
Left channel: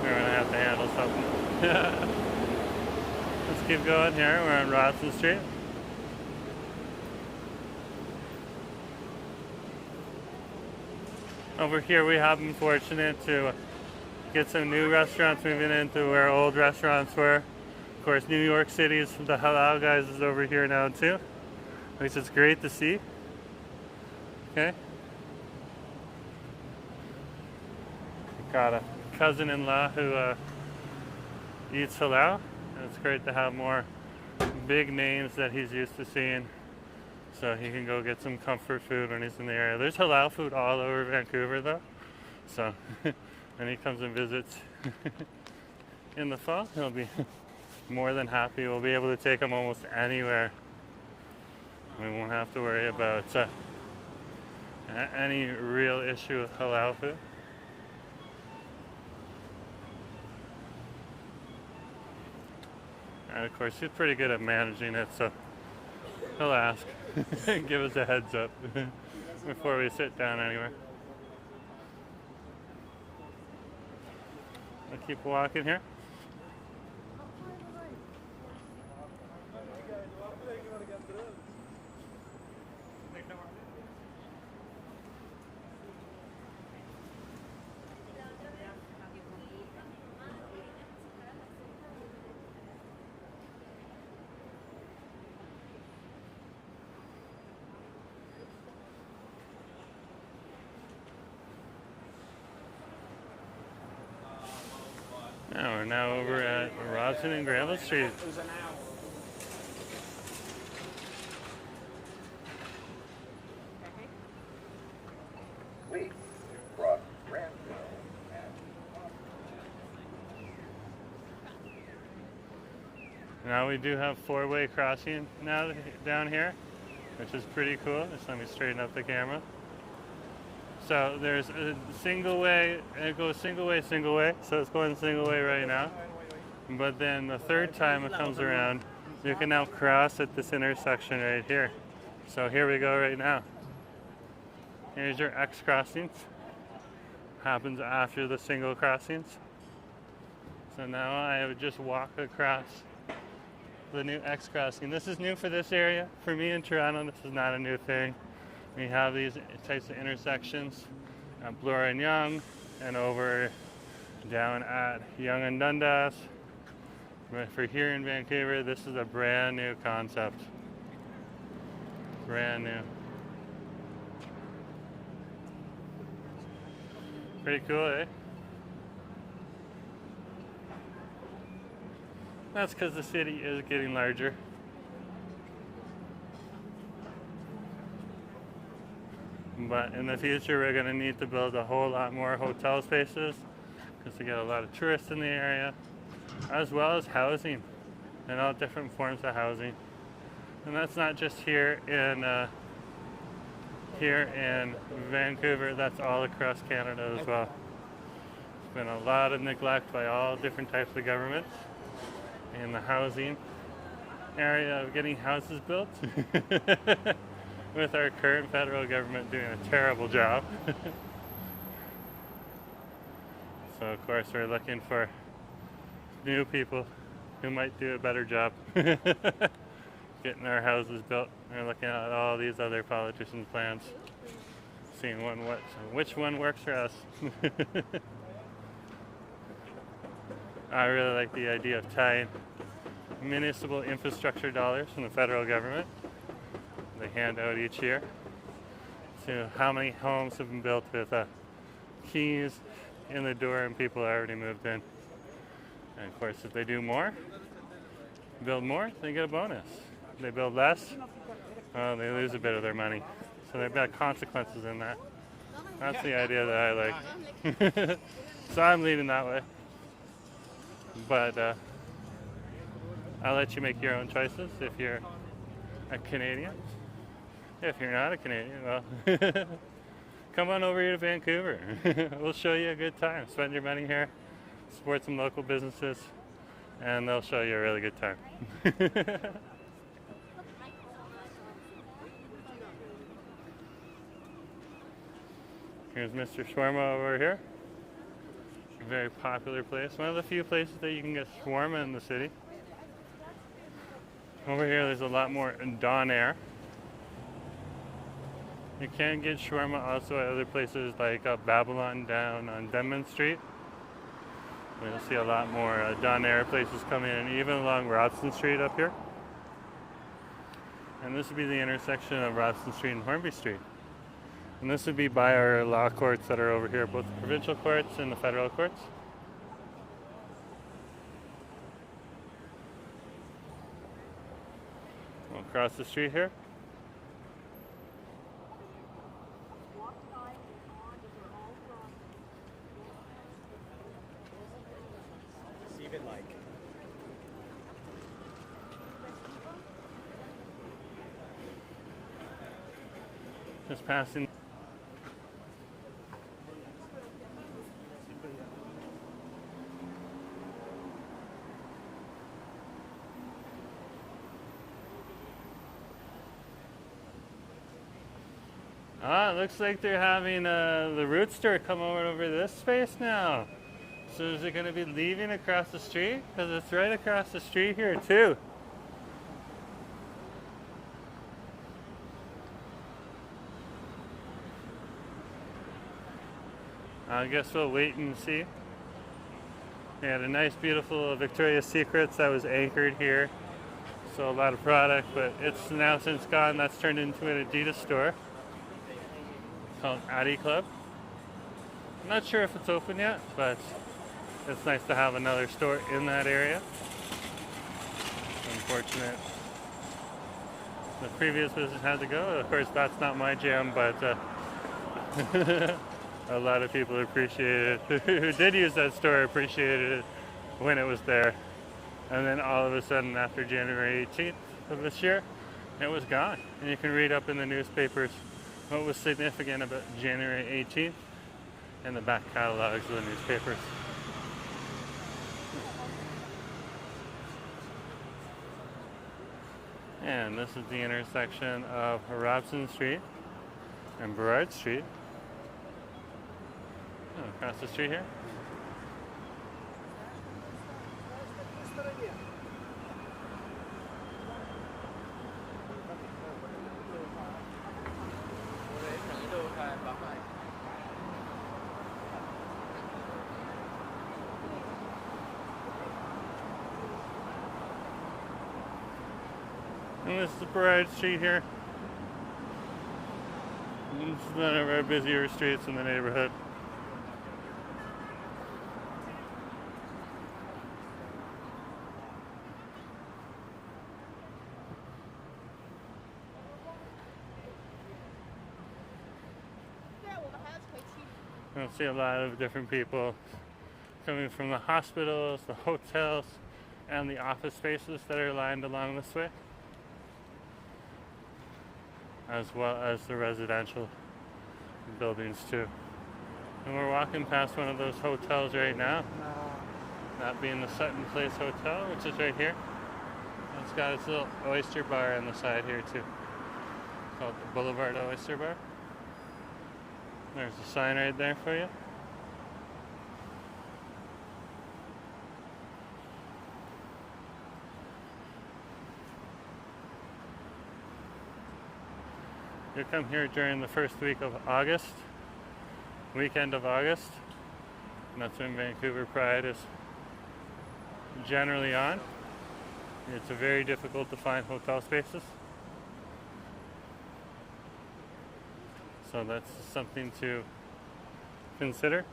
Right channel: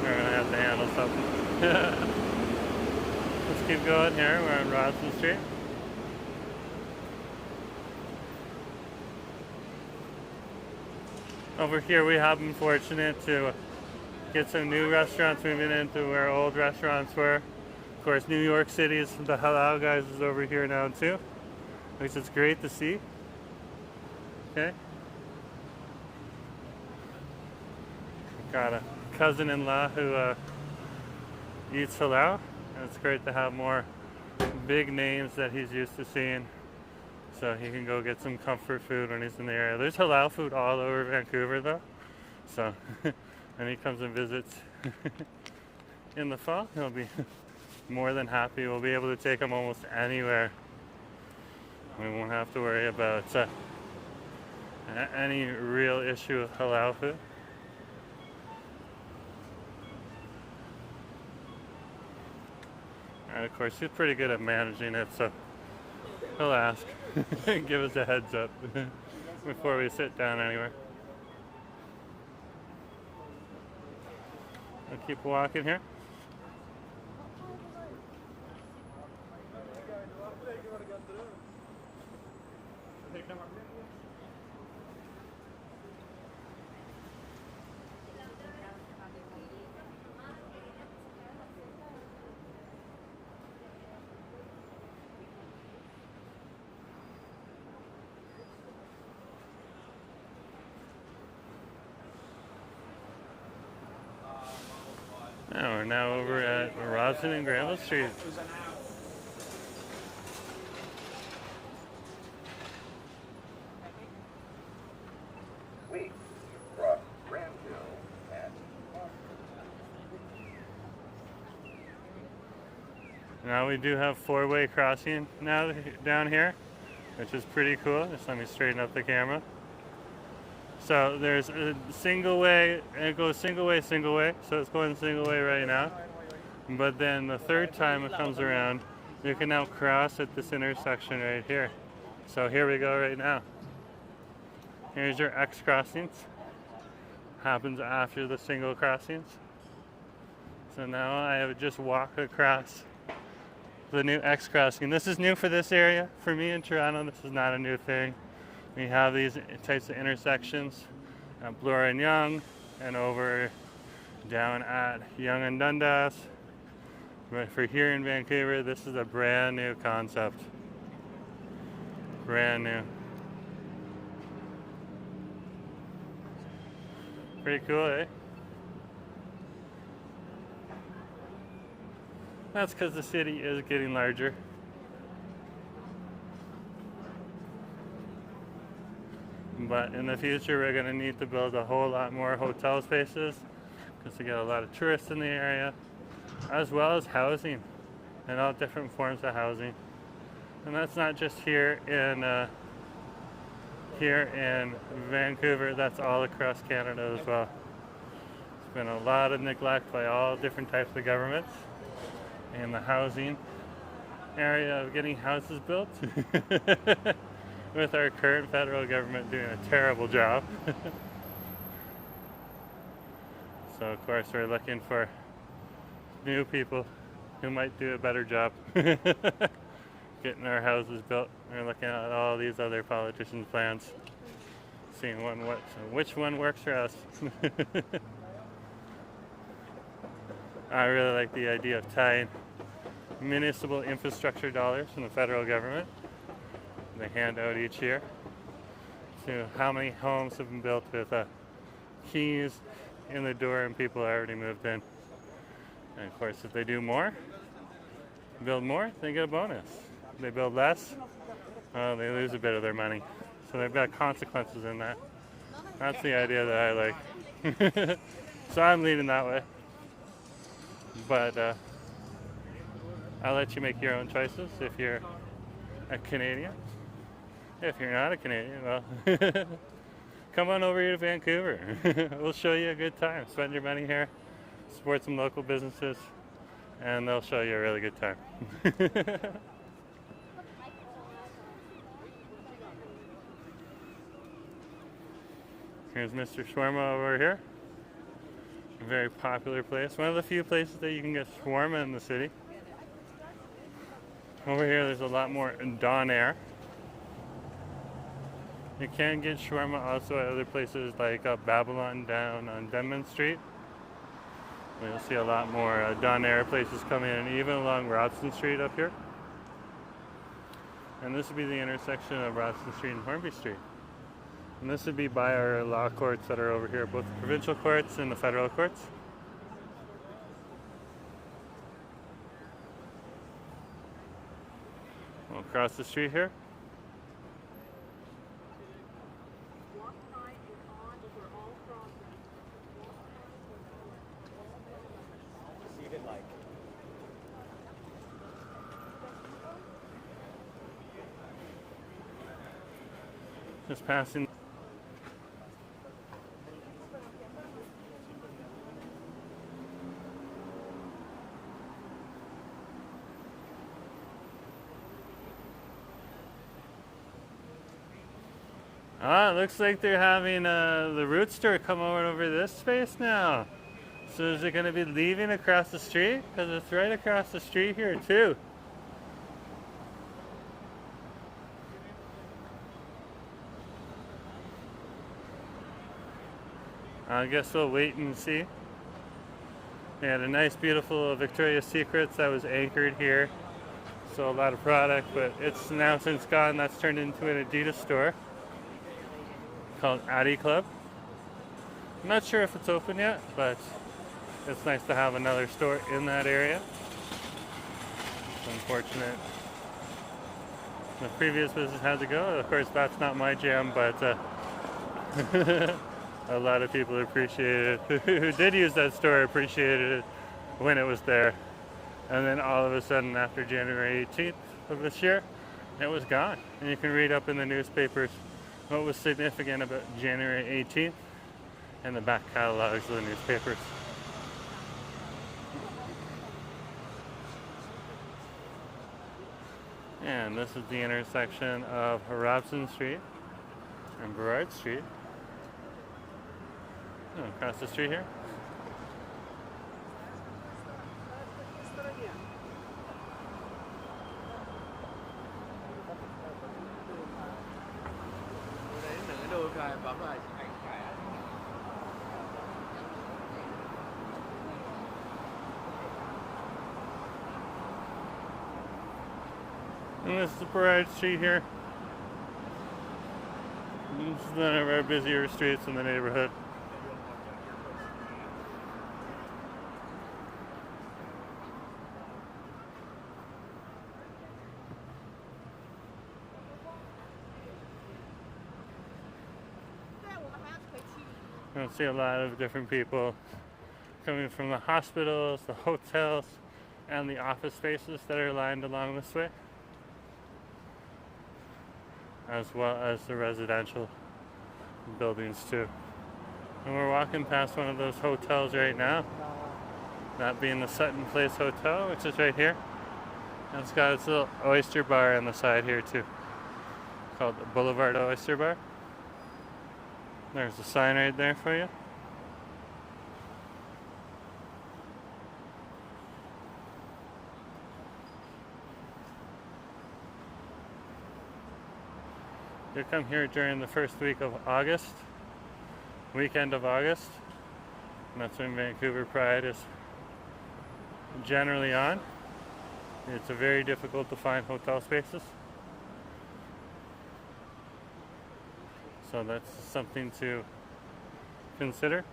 We're gonna have to handle something. Let's keep going here. We're on Robson Street. Over here we have been fortunate to get some new restaurants moving into where old restaurants were. Of course, New York City's the Halal guys is over here now too, which is great to see. Okay. got a cousin-in-law who eats halal, and it's great to have more big names that he's used to seeing, so he can go get some comfort food when he's in the area. There's halal food all over Vancouver though, so when he comes and visits in the fall, he'll be more than happy. We'll be able to take him almost anywhere. We won't have to worry about any real issue with halal food. And of course, he's pretty good at managing it, so he'll ask, give us a heads up before we sit down anywhere. We'll keep walking here. We're now over at Robson and Granville Street. Now we do have four-way crossing now down here, which is pretty cool. Just let me straighten up the camera. So there's a single way, it goes single way, so it's going single way right now. But then the third time it comes around, you can now cross at this intersection right here. So here we go right now. Here's your X crossings. Happens after the single crossings. So now I have just walked across the new X crossing. This is new for this area. For me in Toronto, this is not a new thing. We have these types of intersections at Bloor and Yonge, and over down at Yonge and Dundas. But for here in Vancouver, this is a brand new concept. Brand new. Pretty cool, eh? That's because the city is getting larger. But in the future, we're going to need to build a whole lot more hotel spaces because we get a lot of tourists in the area, as well as housing and all different forms of housing. And that's not just here in Vancouver, that's all across Canada as well. There's been a lot of neglect by all different types of governments in the housing area of getting houses built. With our current federal government doing a terrible job. So of course we're looking for new people who might do a better job getting our houses built. We're looking at all these other politicians' plans, seeing which one works for us. I really like the idea of tying municipal infrastructure dollars from the federal government they hand out each year to how many homes have been built with keys in the door and people already moved in. And of course, if they do more, build more, they get a bonus. If they build less, well, they lose a bit of their money. So they've got consequences in that. That's the idea that I like. So I'm leaning that way. But I'll let you make your own choices if you're a Canadian. If you're not a Canadian, well, come on over here to Vancouver. We'll show you a good time. Spend your money here, support some local businesses, and they'll show you a really good time. Here's Mr. Shawarma over here. A very popular place. One of the few places that you can get shawarma in the city. Over here there's a lot more Don Air. You can get shawarma also at other places like Babylon down on Denman Street. You'll see a lot more Don Air places coming in, even along Robson Street up here. And this would be the intersection of Robson Street and Hornby Street. And this would be by our law courts that are over here, both the provincial courts and the federal courts. Across the street here. Just passing. It looks like they're having the root store come over this space now. So is it going to be leaving across the street? Because it's right across the street here too. I guess we'll wait and see. We had a nice beautiful Victoria's Secrets that was anchored here. So a lot of product, but it's now since gone. That's turned into an Adidas store called Addy Club. I'm not sure if it's open yet, but it's nice to have another store in that area. Unfortunate the previous business had to go. Of course, that's not my jam, but a lot of people appreciated it. Who did use that store appreciated it when it was there. And then all of a sudden, after January 18th of this year, it was gone. And you can read up in the newspapers what was significant about January 18th and the back catalogs of the newspapers. And this is the intersection of Robson Street and Burrard Street. Across the street here. And this is the Burrard Street here. This is one of our busier streets in the neighborhood. You'll see a lot of different people coming from the hospitals, the hotels, and the office spaces that are lined along this way, as well as the residential buildings too. And we're walking past one of those hotels right now, that being the Sutton Place Hotel, which is right here. And it's got its little oyster bar on the side here too, called the Boulevard Oyster Bar. There's a sign right there for you. You come here during the first week of August, weekend of August, and that's when Vancouver Pride is generally on. It's very difficult to find hotel spaces. So that's something to consider.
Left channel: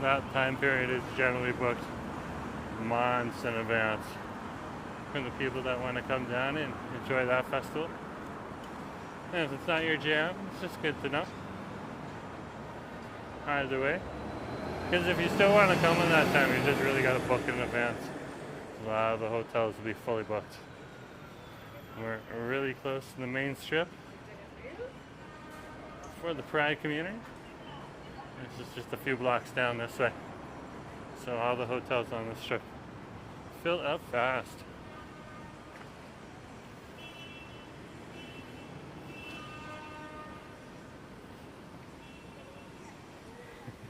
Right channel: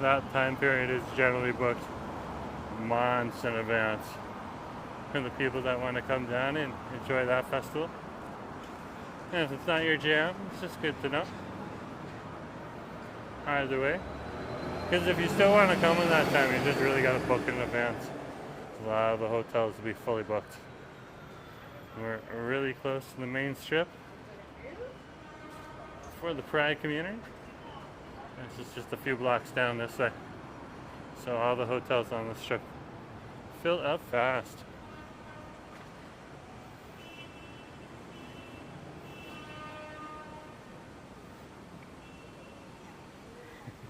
That time period is generally booked months in advance for the people that want to come down and enjoy that festival. And if it's not your jam, it's just good to know. Either way. Because if you still want to come in that time, you just really got to book in advance. A lot of the hotels will be fully booked. We're really close to the main strip for the Pride community. This is just a few blocks down this way. So all the hotels on the strip fill up fast.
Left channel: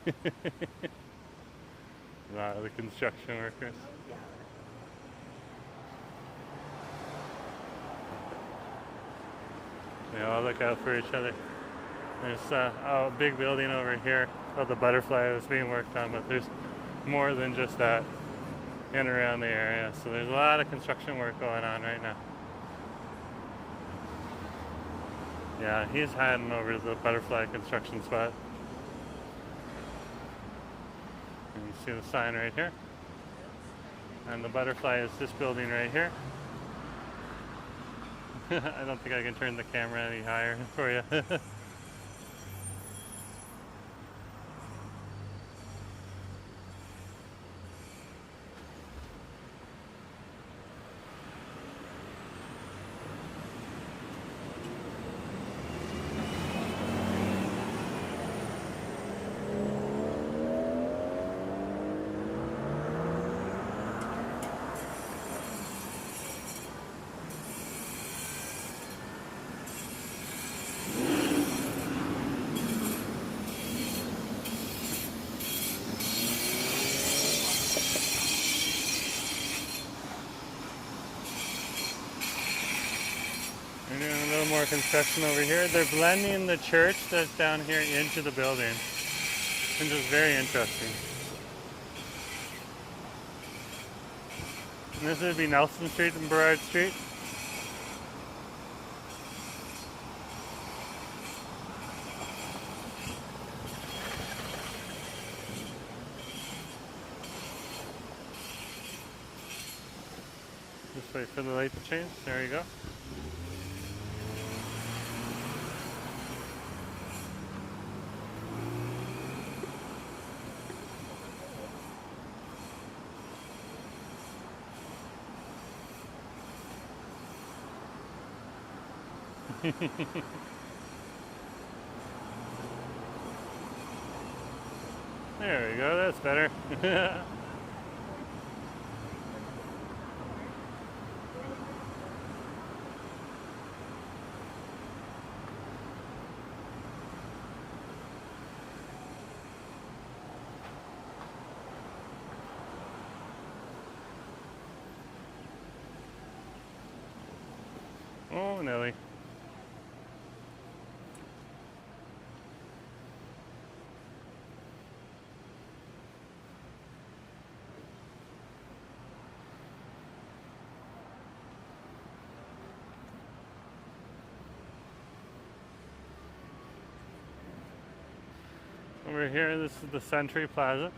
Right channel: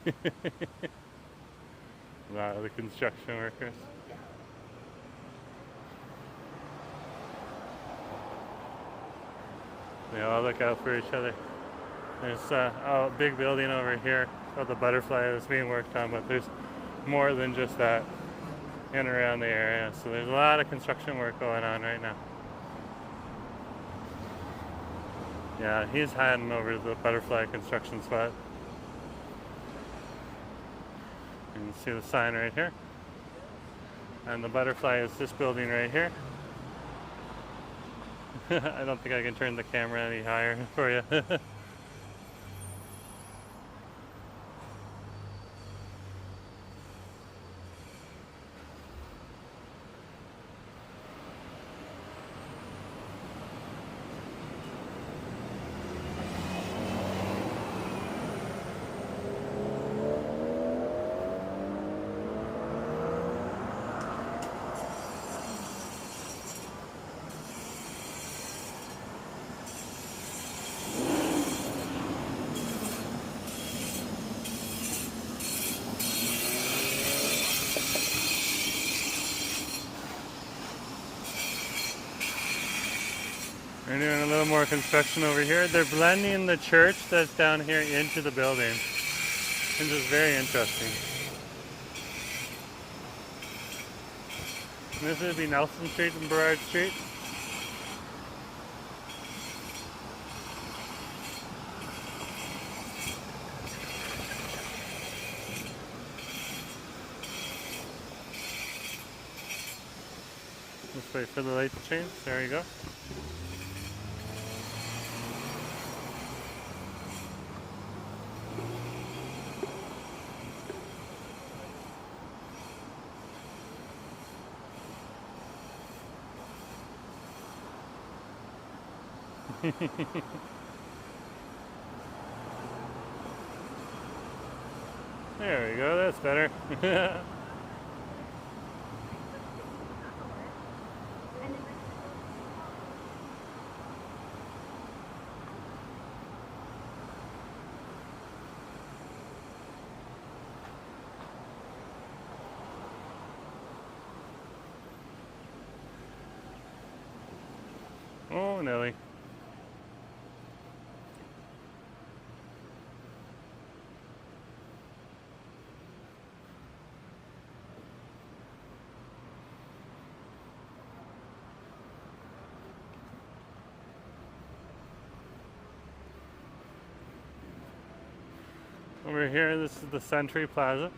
A lot of the construction workers. They all look out for each other. There's a big building over here called the Butterfly that's being worked on, but there's more than just that in and around the area. So there's a lot of construction work going on right now. Yeah, he's heading over to the Butterfly construction spot. You can see the sign right here. And the Butterfly is this building right here. I don't think I can turn the camera any higher for you. They're doing a little more construction over here. They're blending the church that's down here into the building. This is very interesting. And this would be Nelson Street and Burrard Street. Just wait for the light to change. There you go. There we go, that's better. Oh, Nelly. Over here, this is the Century Plaza.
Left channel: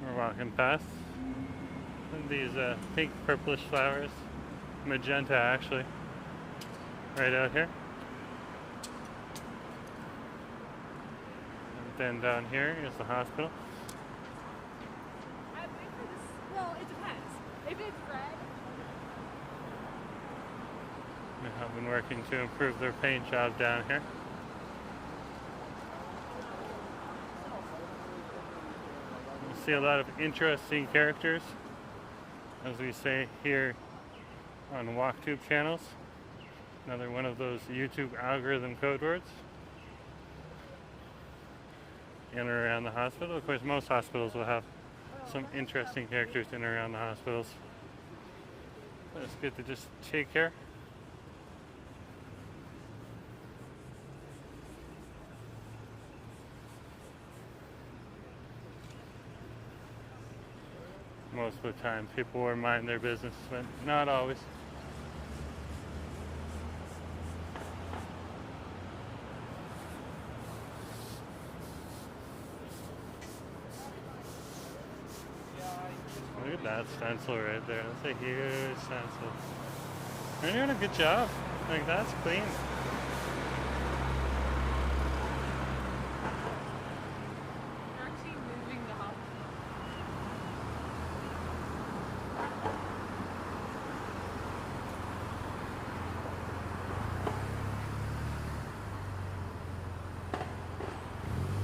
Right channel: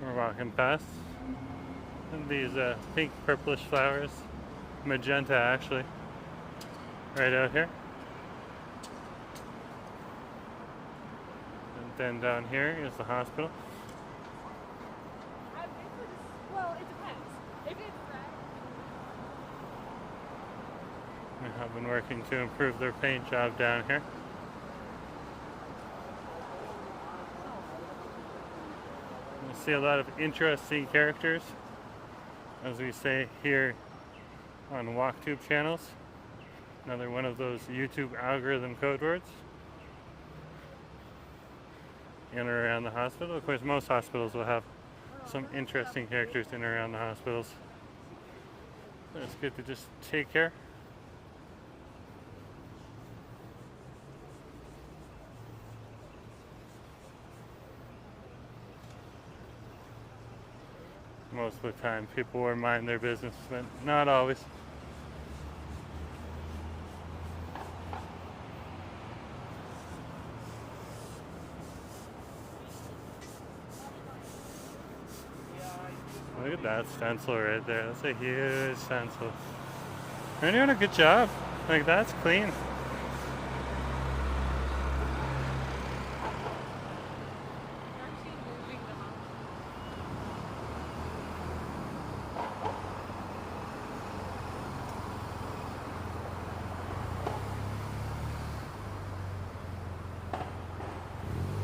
We're walking past. And these pink purplish flowers, magenta actually, right out here. And then down here is the hospital. Well, it depends. If it's red. They have been working to improve their paint job down here. You see a lot of interesting characters, as we say here on WalkTube channels. Another one of those YouTube algorithm code words. In or around the hospital. Of course, most hospitals will have some interesting characters in and around the hospitals. But it's good to just take care. Most of the time, people will mind their business, but not always. Look at that stencil right there. That's a huge stencil. They're doing a good job. Like, that's clean.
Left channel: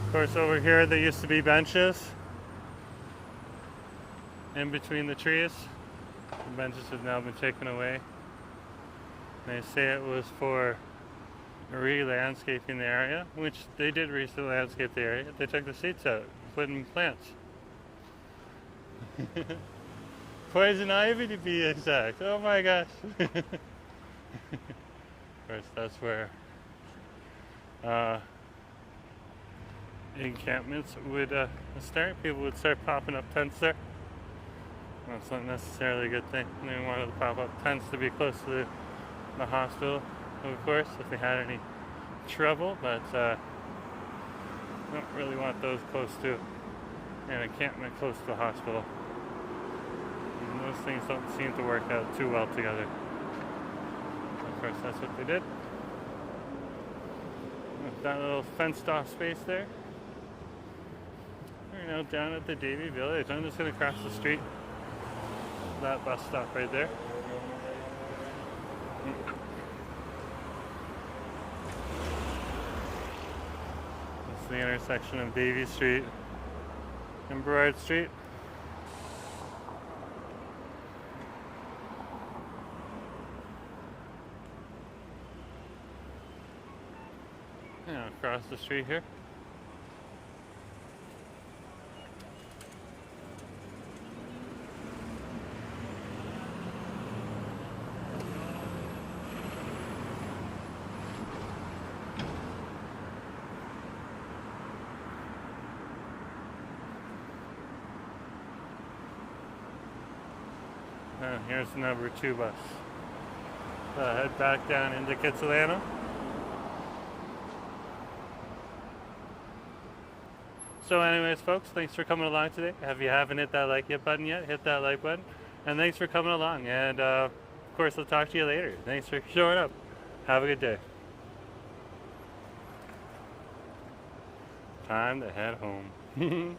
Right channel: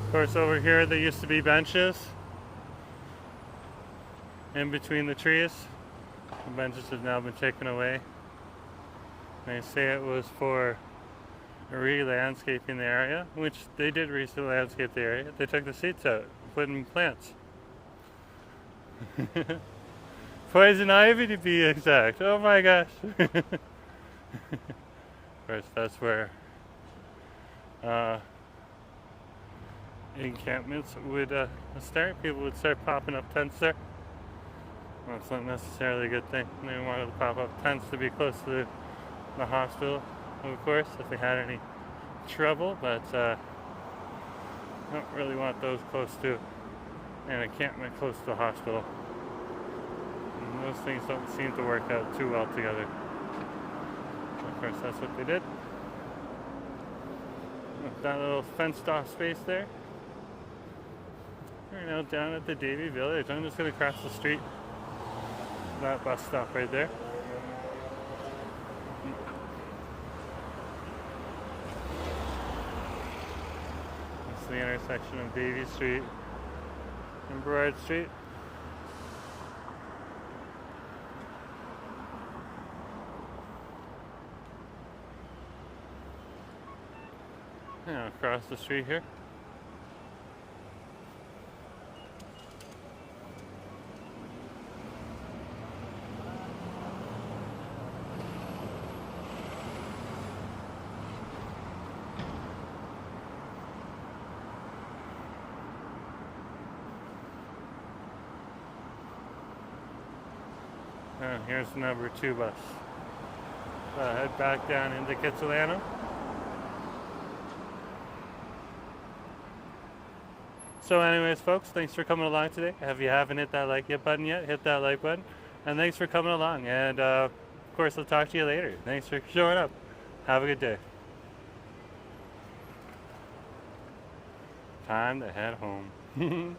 Of course, over here there used to be benches in between the trees. The benches have now been taken away. They say it was for re-landscaping the area, which they did re-landscape the area. They took the seats out, put in plants. Poison ivy to be exact. Oh my gosh. Of course, that's where encampments would start. People would start popping up tents there. That's not necessarily a good thing. They wanted to pop up tents to be close to the hospital, of course, if they had any trouble, but don't really want those close to an encampment close to the hospital. And those things don't seem to work out too well together. Of course, that's what they did. With that little fenced off space there. We're now down at the Davie Village. I'm just going to cross the street. That bus stop right there. That's the intersection of Davie Street and Burrard Street. Now across the street here. And here's the number 2 bus. Head back down into Kitsilano. So anyways, folks, thanks for coming along today. If you haven't hit that like button yet, hit that like button. And thanks for coming along. And of course, I'll talk to you later. Thanks for showing up. Have a good day. Time to head home.